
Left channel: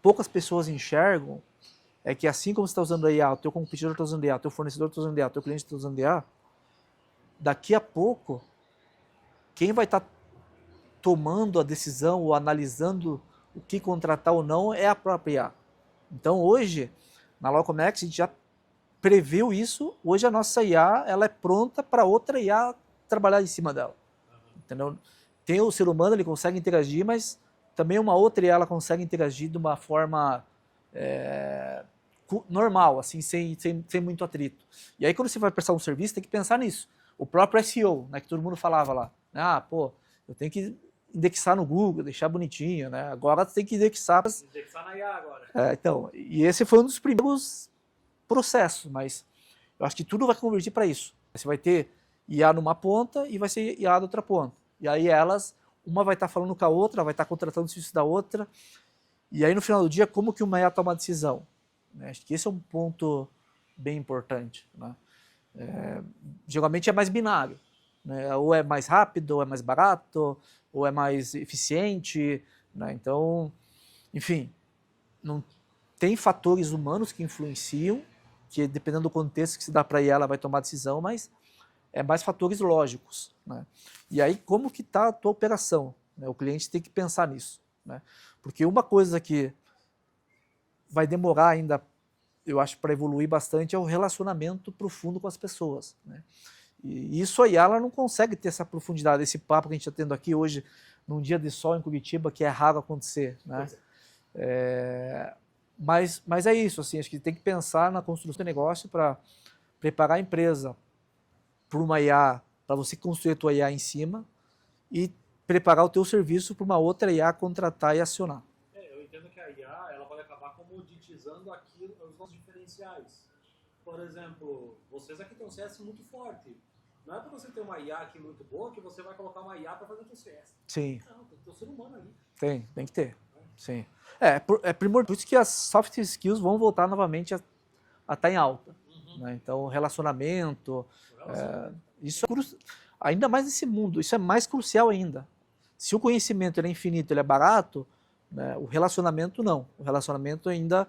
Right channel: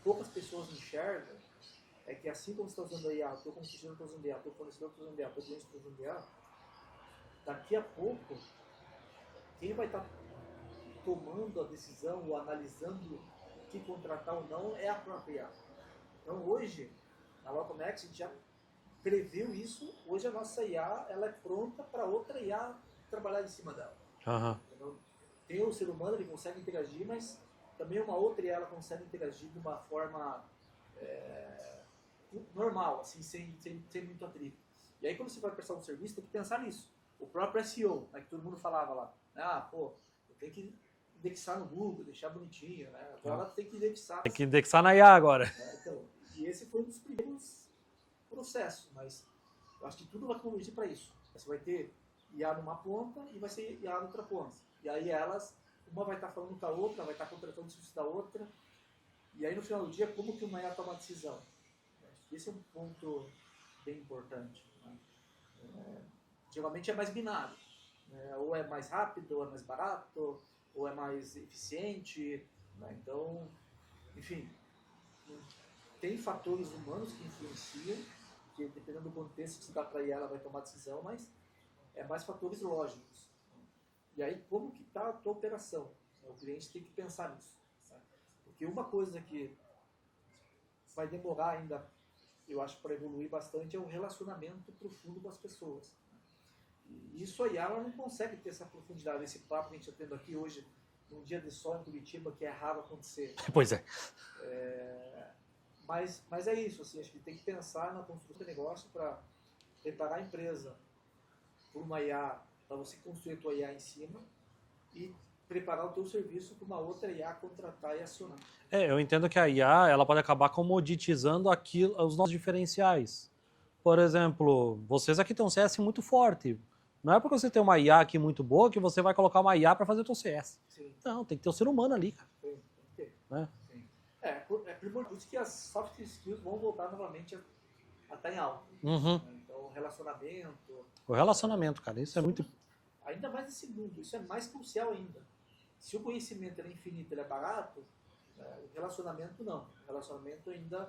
poucas pessoas enxergam é que assim como você está usando a IA, o teu competidor está usando IA, o teu fornecedor está usando IA, o teu cliente está usando IA, daqui a pouco, quem vai estar tomando a decisão ou analisando o que contratar ou não é a própria IA. Então hoje, na Locomex, a gente já previu isso, hoje a nossa IA ela é pronta para outra IA trabalhar em cima dela. Entendeu? Tem o ser humano, ele consegue interagir, mas também uma outra IA ela consegue interagir de uma forma normal, assim, sem muito atrito. E aí quando você vai prestar um serviço, tem que pensar nisso. O próprio SEO, né, que todo mundo falava lá. Eu tenho que indexar no Google, deixar bonitinho, né? Agora você tem que indexar. Tem que indexar na IA agora. Então, e esse foi um dos primeiros processos, mas eu acho que tudo vai convergir para isso. Você vai ter IA numa ponta e vai ser IA da outra ponta. E aí uma vai estar falando com a outra, vai estar contratando o serviço da outra. E aí no final do dia, como que uma IA toma a decisão? Acho que esse é um ponto bem importante. Né? Geralmente é mais binário. Né? Ou é mais rápido, ou é mais barato, ou é mais eficiente. Né? Então, enfim, não tem fatores humanos que influenciam, que dependendo do contexto que se dá para IA, ela vai tomar decisão, mas é mais fatores lógicos. Né? E aí, como que está a tua operação? Né? O cliente tem que pensar nisso. Né? Porque uma coisa que vai demorar ainda, eu acho, para evoluir bastante, é o relacionamento profundo com as pessoas. Né? E isso aí, ela não consegue ter essa profundidade, esse papo que a gente está tendo aqui hoje, num dia de sol em Curitiba, que é raro acontecer. Né? Pois é. Mas é isso, assim, acho que tem que pensar na construção do negócio para preparar a empresa para uma IA, para você construir a tua IA em cima e preparar o teu serviço para uma outra IA contratar e acionar. Eu entendo que a IA ela pode acabar comoditizando os nossos diferenciais. Por exemplo, vocês aqui têm um CS muito forte. Não é porque você tem uma IA aqui muito boa que você vai colocar uma IA para fazer o teu CS. Sim. Não, tem que ter um ser humano ali, cara. Tem que ter. Né? Sim. É primordial. Por isso que as soft skills vão voltar novamente a estar em alta. Né? Então, relacionamento. O relacionamento, cara. Isso ainda mais nesse mundo. Isso é mais crucial ainda. Se o conhecimento ele é infinito, ele é barato, né, o relacionamento não. O relacionamento ainda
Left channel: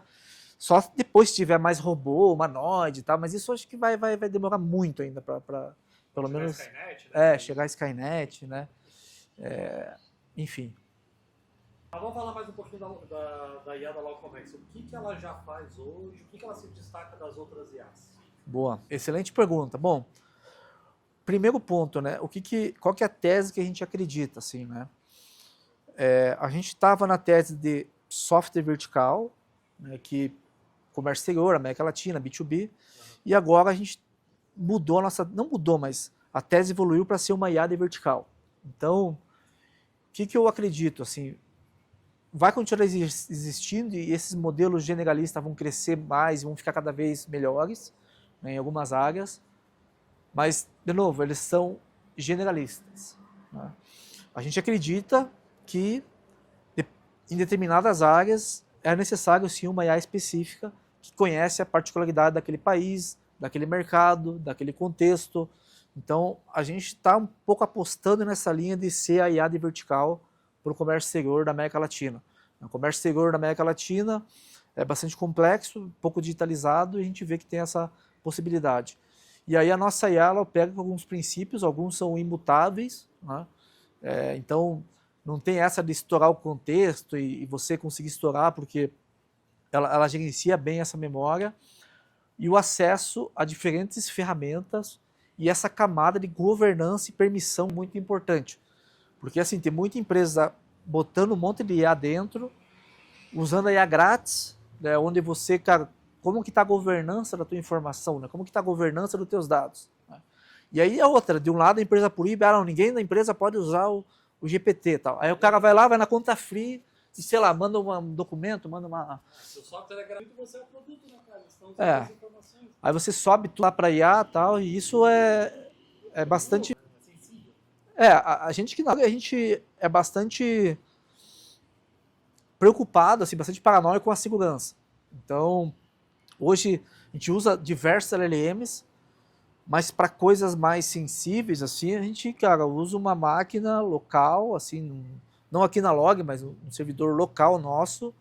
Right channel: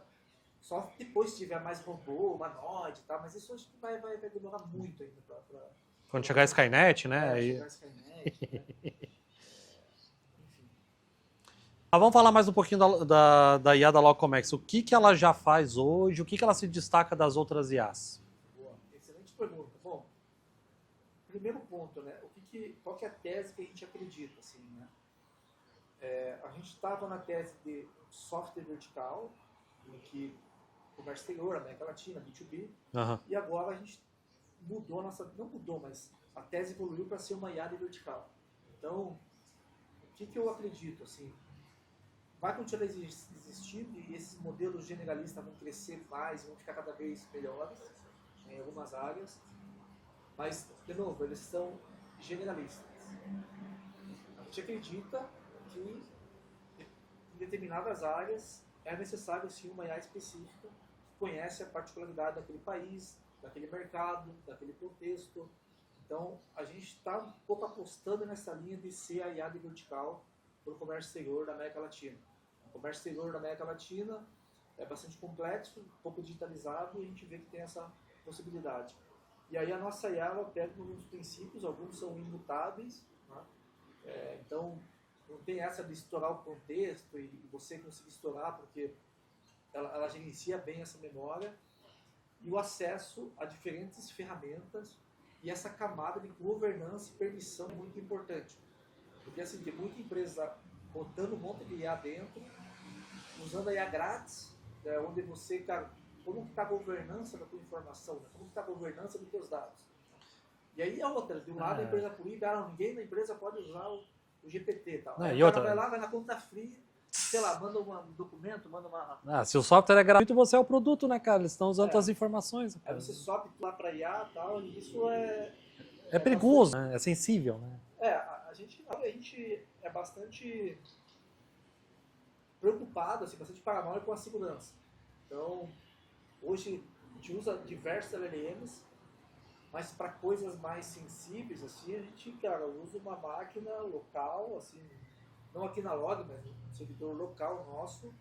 só depois que tiver mais robô, humanoide e tal, mas isso acho que vai demorar muito ainda para Quando chegar a Skynet, né? chegar a Skynet, né? Enfim. Mas vamos falar mais um pouquinho da IA da Locomex. O que ela já faz hoje? O que ela se destaca das outras IAs? Boa, excelente pergunta. Bom, primeiro ponto, né? Qual que é a tese que a gente acredita, assim, né? A gente estava na tese de software vertical, né, que comércio exterior, América Latina, B2B, e agora a gente mudou não mudou, mas a tese evoluiu para ser uma IA de vertical. Então, o que eu acredito, assim, vai continuar existindo e esses modelos generalistas vão crescer mais, vão ficar cada vez melhores, né, em algumas áreas, mas, de novo, eles são generalistas, né? A gente acredita que em determinadas áreas é necessário sim uma IA específica que conhece a particularidade daquele país, daquele mercado, daquele contexto. Então, a gente está um pouco apostando nessa linha de ser a IA de vertical para o comércio exterior da América Latina. O comércio exterior da América Latina é bastante complexo, um pouco digitalizado, e a gente vê que tem essa possibilidade. E aí a nossa IA ela opera com alguns princípios, alguns são imutáveis, né? Então, não tem essa de estourar o contexto e você conseguir estourar, porque ela gerencia bem essa memória e o acesso a diferentes ferramentas e essa camada de governança e permissão muito importante. Porque assim, tem muita empresa botando um monte de IA dentro, usando a IA grátis, né, onde você, cara, como que está a governança da tua informação, né? Como que está a governança dos teus dados, né? E aí a outra, de um lado a empresa proíbe, não, ninguém da empresa pode usar o GPT e tal. Aí o cara vai lá, vai na conta free, e, sei lá, manda um documento, manda uma... se o software é gratuito, você é o produto, né, cara? Eles estão usando as informações. Aí você sobe tudo lá para IA e tal, e isso é perigoso, bastante... né? É sensível, né? A gente é bastante preocupado, assim, bastante paranoico com a segurança. Então, hoje a gente usa diversos LLMs, mas para coisas mais sensíveis, assim, a gente, cara, usa uma máquina local, assim, não aqui na Log, mas um servidor local nosso,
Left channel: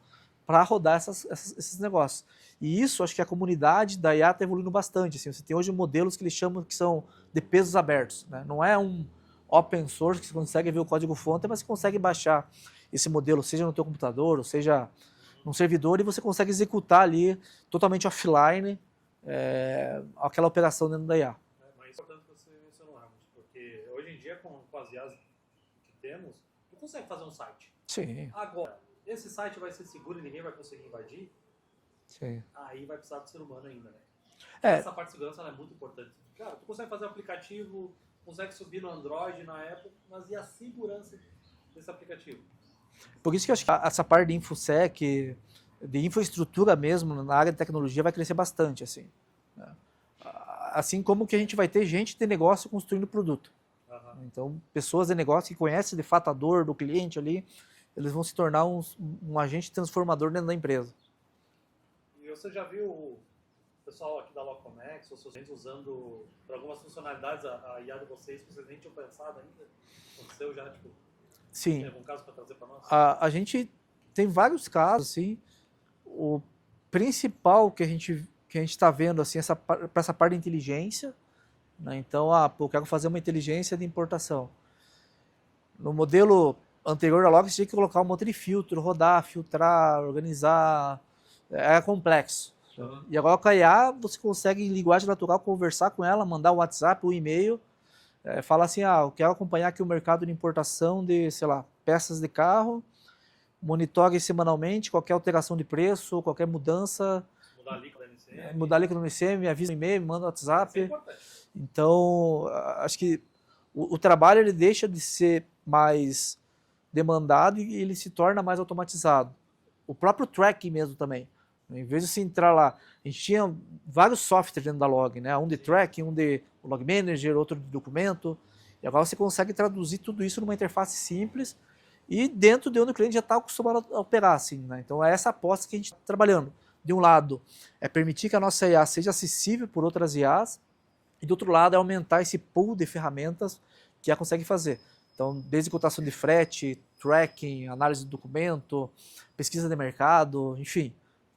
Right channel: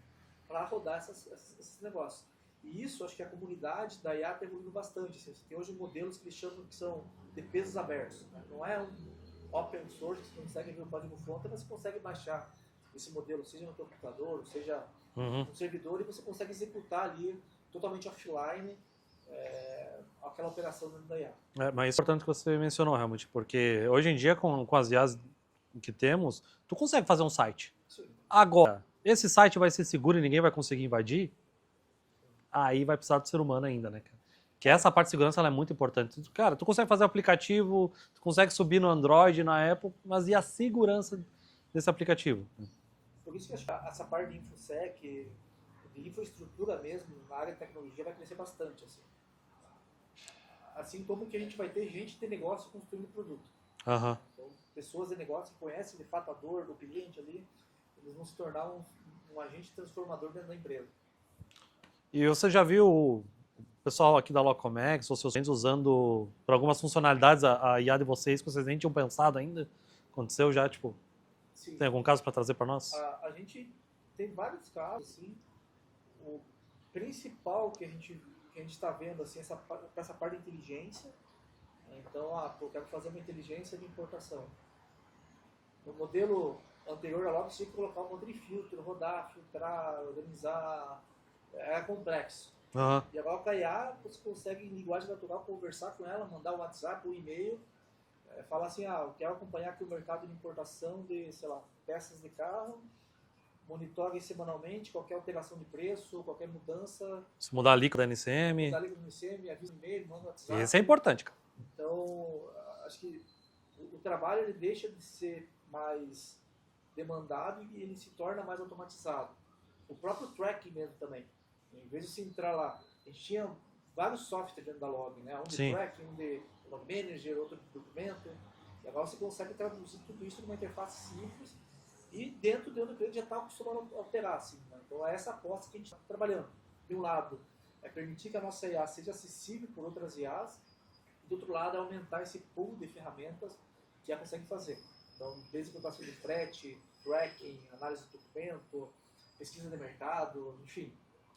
para rodar esses negócios. E isso, acho que a comunidade da IA está evoluindo bastante. Assim, você tem hoje modelos que eles chamam que são de pesos abertos, né? Não é um open source que você consegue ver o código-fonte, mas você consegue baixar esse modelo, seja no teu computador, ou seja num servidor, e você consegue executar ali totalmente offline aquela operação dentro da IA. Mas é importante que você mencionou, realmente, porque hoje em dia, com as IAs que temos, tu consegue fazer um site. Sim. Agora, esse site vai ser seguro e ninguém vai conseguir invadir? Sim. Aí vai precisar do ser humano ainda, né, cara? Essa parte de segurança ela é muito importante. Cara, tu consegue fazer o aplicativo, tu consegue subir no Android, na Apple, mas e a segurança desse aplicativo? Por isso que eu acho que essa parte de InfoSec, de infraestrutura mesmo, na área de tecnologia, vai crescer bastante, assim. Assim como que a gente vai ter gente de negócio construindo produto. Então, pessoas de negócio que conhecem de fato a dor do cliente ali, eles vão se tornar um agente transformador dentro da empresa. E você já viu o pessoal aqui da Locomex ou seus clientes usando para algumas funcionalidades a IA de vocês que vocês nem tinham pensado ainda? Aconteceu já, tipo... Sim. Tem algum caso para trazer para nós? A gente tem vários casos, assim. O principal que a gente está vendo, assim, para essa parte de inteligência, né? Então, eu quero fazer uma inteligência de importação. No modelo anterior da Log, você tinha que colocar um monte de filtro, rodar, filtrar, organizar. Era complexo. E agora com a IA, você consegue, em linguagem natural, conversar com ela, mandar um WhatsApp, um e-mail, fala assim, eu quero acompanhar aqui o mercado de importação de, sei lá, peças de carro, monitore semanalmente qualquer alteração de preço, qualquer mudança. Se mudar a alíquota da NCM. Mudar a alíquota do NCM, me avisa no e-mail, me manda no WhatsApp. Isso é importante, cara. Então, acho que o trabalho ele deixa de ser mais demandado e ele se torna mais automatizado. O próprio tracking mesmo também. Em vez de você entrar lá, a gente tinha vários softwares dentro da Log, né? Um de tracking, um de Log Manager, outro de documento. E agora você consegue traduzir tudo isso numa interface simples e dentro de onde o cliente já está acostumado a operar, assim, né? Então é essa aposta que a gente está trabalhando. De um lado, é permitir que a nossa IA seja acessível por outras IAs, e do outro lado é aumentar esse pool de ferramentas que ela consegue fazer. Então, desde cotação de frete, tracking, análise de documento, pesquisa de mercado, enfim.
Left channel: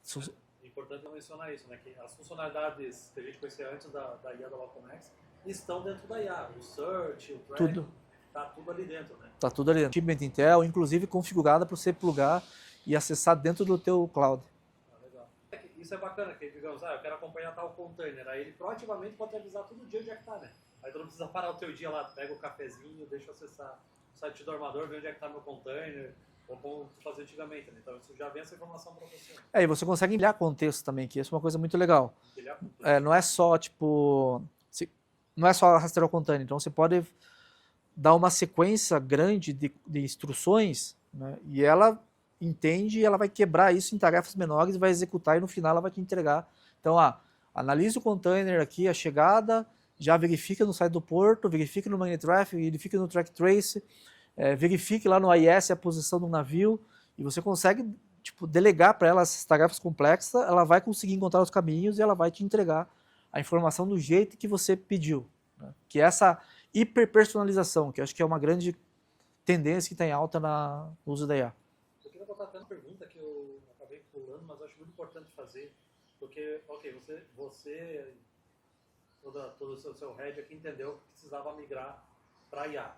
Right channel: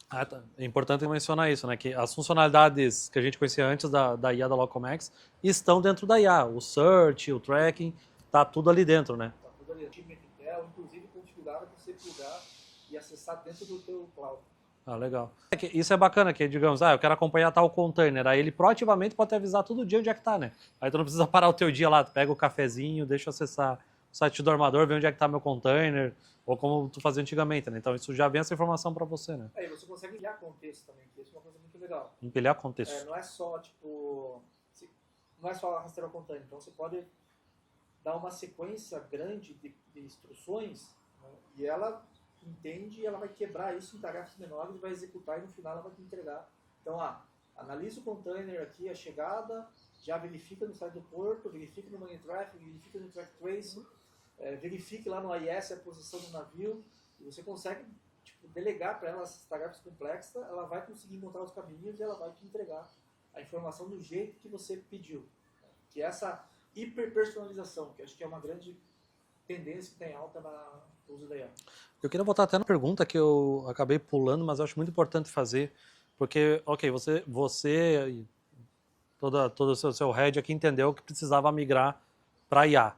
Tá. É importante mencionar isso, né? Que as funcionalidades que a gente conhecia antes da IA da Logcomex estão dentro da IA. O search, o tracking, tá tudo ali dentro, né? Tá tudo ali dentro. Achievement Intel, inclusive configurada para você plugar e acessar dentro do teu cloud. Ah, legal. Isso é bacana, que digamos, eu quero acompanhar tal container. Aí ele proativamente pode te avisar todo dia onde é que tá, né? Aí tu não precisa parar o teu dia lá, tu pega o cafezinho, deixa eu acessar o site do armador, ver onde é que tá meu container, ou como tu fazia antigamente, né? Então isso já vem essa informação para você, né? E você consegue empilhar contexto também, que isso é uma coisa muito legal. Empilhar contexto. Não é só, não é só rastrear o container, então você pode dar uma sequência grande de instruções, né? E ela entende e ela vai quebrar isso em tarefas menores e vai executar e no final ela vai te entregar. Então, analise o container aqui, a chegada, já verifica no site do porto, verifica no Magnet Traffic, verifica no Track Trace, verifique lá no AIS a posição do navio e você consegue delegar para ela essas tarefas complexas, ela vai conseguir encontrar os caminhos e ela vai te entregar a informação do jeito que você pediu. Né? Que é essa hiperpersonalização, que eu acho que é uma grande tendência que está em alta no uso da IA. Eu queria voltar até na pergunta que eu acabei pulando, mas eu acho muito importante fazer, porque, ok, você e todo o seu head aqui entendeu que precisava migrar para IA.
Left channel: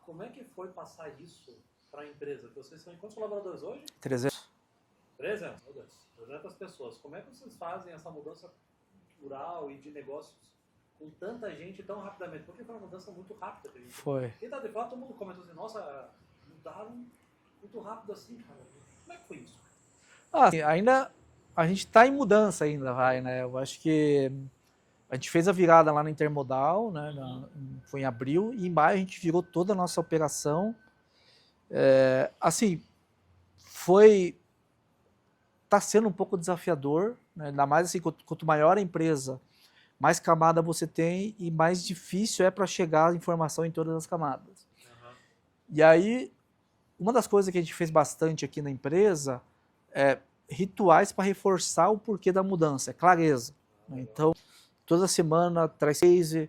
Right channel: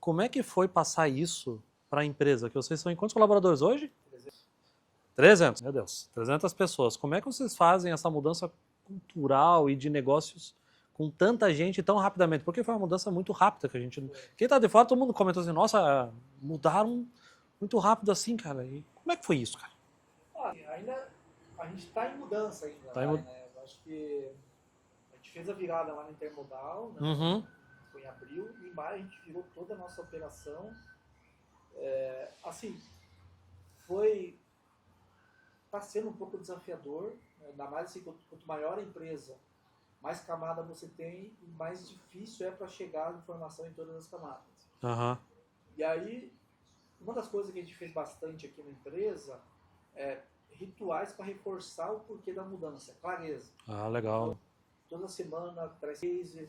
Como é que foi passar isso para a empresa? Que vocês são em quantos colaboradores hoje? 300. 300, meu Deus, 300 pessoas. Como é que vocês fazem essa mudança cultural e de negócios com tanta gente tão rapidamente? Porque foi uma mudança muito rápida que a gente... Foi. Quem tá de fora, todo mundo comentou assim, nossa, mudaram muito rápido assim, cara. E como é que foi isso, cara? Ainda a gente está em mudança ainda, né? Eu acho que a gente fez a virada lá na Intermodal, né? Foi em abril, e em maio a gente virou toda a nossa operação. Tá sendo um pouco desafiador, né? Ainda mais assim, quanto maior a empresa, mais camada você tem e mais difícil é para chegar a informação em todas as camadas. E aí, uma das coisas que a gente fez bastante aqui na empresa é rituais para reforçar o porquê da mudança, clareza. Legal. Então, toda semana traz case,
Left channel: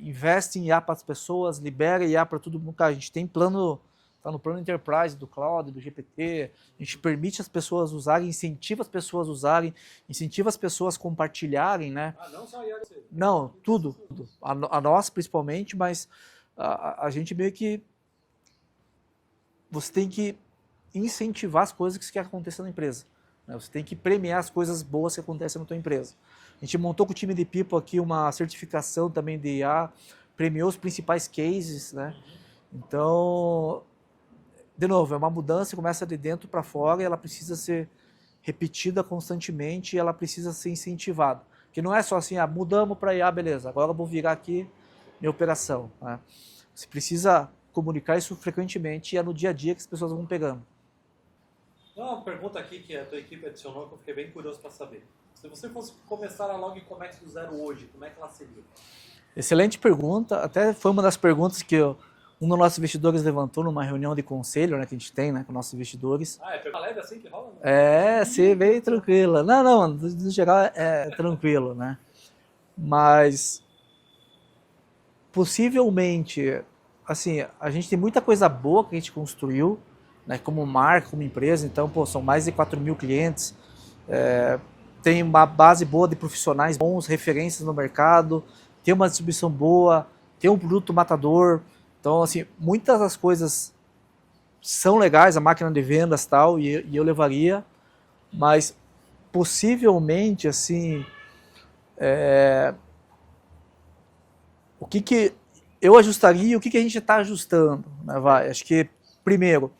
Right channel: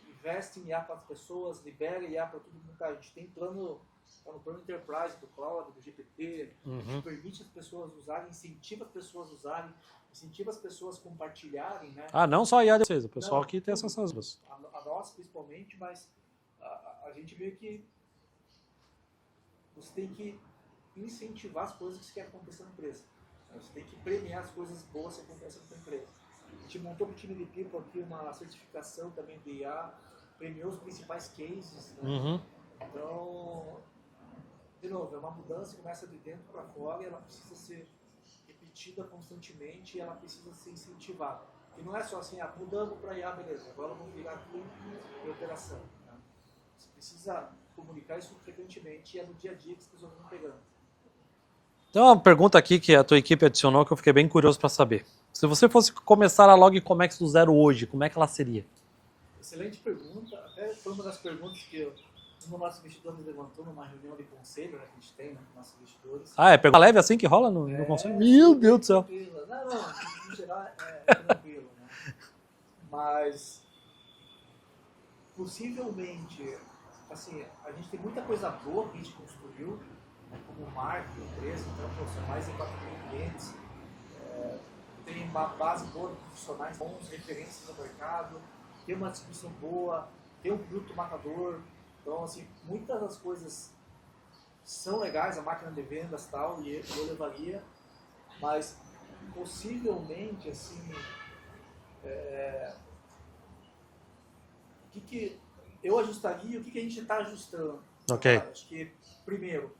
investe em IA para as pessoas, libera IA para todo mundo. Cara, a gente tem plano, tá no plano Enterprise do Cloud, do GPT, a gente permite as pessoas usarem, incentiva as pessoas a usarem, incentiva as pessoas a compartilharem, né? Não só a IA de vocês, o pessoal Não, aqui tudo. tem essas... A nós principalmente, mas a gente meio que... Você tem que incentivar as coisas que você quer acontecer na empresa. Né? Você tem que premiar as coisas boas que acontecem na tua empresa. A gente montou com o time de People aqui uma certificação também de IA, premiou os principais cases, né? Então, de novo, é uma mudança que começa de dentro para fora e ela precisa ser repetida constantemente e ela precisa ser incentivada. Que não é só assim, mudamos para IA, beleza, agora eu vou virar aqui minha operação. Né? Você precisa comunicar isso frequentemente e é no dia a dia que as pessoas vão pegando. Tem uma pergunta aqui que a tua equipe adicionou que eu fiquei bem curioso para saber. Se você fosse começar a Logcomex do zero hoje, como é que ela seria? Excelente pergunta. Até foi uma das perguntas que um dos nossos investidores levantou numa reunião de conselho, né, que a gente tem, né, com nossos investidores. É pergunta leve assim que rola? Sim, bem tranquila. Não, no geral é tranquilo, né? Mas, possivelmente, assim, a gente tem muita coisa boa que a gente construiu, né, como marca, como empresa. Então, são mais de 4.000 clientes. Tem uma base boa de profissionais bons, referências no mercado, tem uma distribuição boa, tem um produto matador. Então, assim, muitas das coisas são legais, a máquina de vendas e tal, e eu levaria, mas possivelmente, assim, o que eu ajustaria e o que a gente está ajustando. Né, Okay. Acho que, primeiro,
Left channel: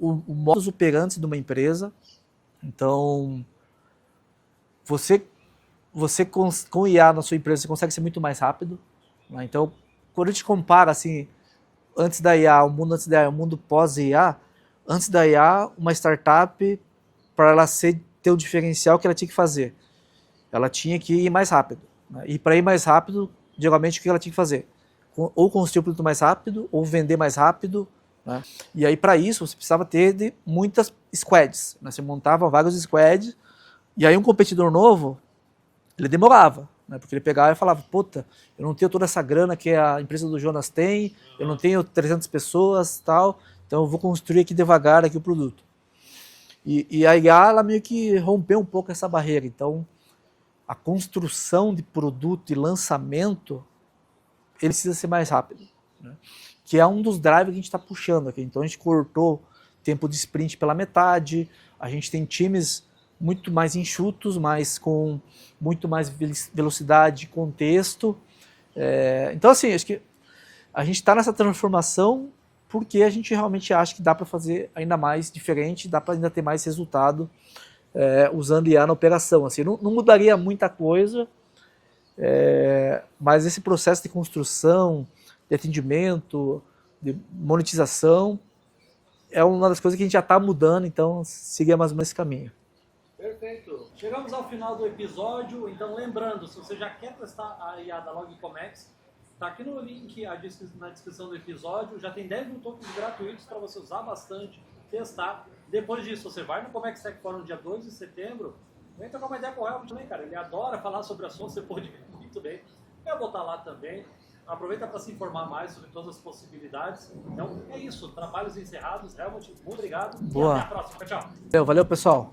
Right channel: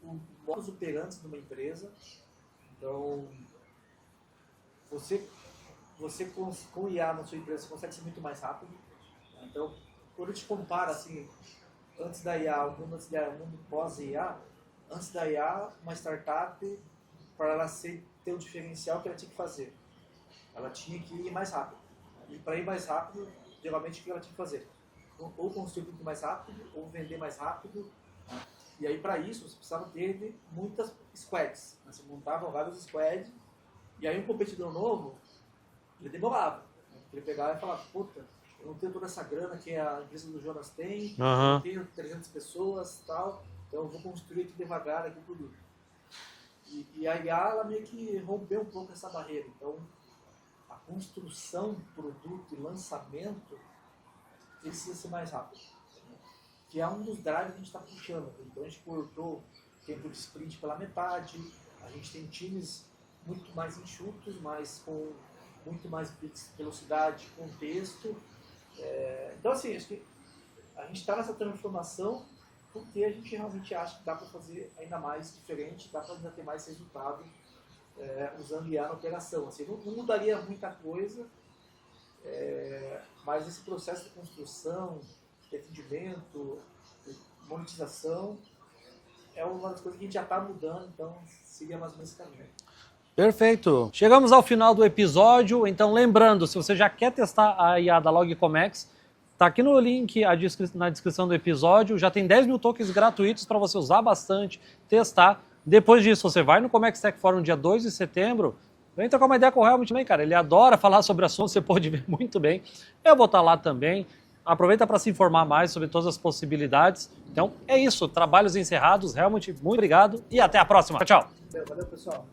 o modus operandi de uma empresa. Então, você com IA na sua empresa, você consegue ser muito mais rápido. Né? Então, quando a gente compara assim, antes da IA, o mundo antes da IA, o mundo pós-IA, antes da IA, uma startup, para ela ter o diferencial que ela tinha que fazer, ela tinha que ir mais rápido. Né? E para ir mais rápido, geralmente o que ela tinha que fazer? Ou construir o produto mais rápido, ou vender mais rápido. Né? E aí, para isso, você precisava ter muitas squads. Né? Você montava vários squads, e aí um competidor novo, ele demorava. né? Porque ele pegava e falava, puta, eu não tenho toda essa grana que a empresa do Jonas tem, eu não tenho 300 pessoas e tal, então eu vou construir aqui devagar aqui o produto. E a IA, ela meio que rompeu um pouco essa barreira. Então, a construção de produto e lançamento, ele precisa ser mais rápido, né? Que é um dos drivers que a gente está puxando aqui. Então, a gente cortou tempo de sprint pela metade, a gente tem times muito mais enxutos, mas com muito mais velocidade, contexto. Então, assim, acho que a gente está nessa transformação porque a gente realmente acha que dá para fazer ainda mais diferente, dá para ainda ter mais resultado usando IA na operação. Assim, não mudaria muita coisa, mas esse processo de construção, de atendimento, de monetização, é uma das coisas que a gente já está mudando, então seguir mais ou menos esse caminho. Perfeito. Chegamos ao final do episódio, então lembrando, se você já quer testar a IA da Logcomex, tá aqui no link na descrição do episódio, já tem 10 mil tokens gratuitos para você usar bastante, testar. Depois disso, você vai no Comex Tech Forum dia 2 de setembro, vem trocar uma ideia com o Helmut também, cara. Ele adora falar sobre assuntos, você pode ver muito bem. Eu vou estar lá também. Aproveita para se informar mais sobre todas as possibilidades. Então, é isso. Trabalhos encerrados. Helmut, muito obrigado e até a próxima. Tchau, tchau. Valeu, pessoal.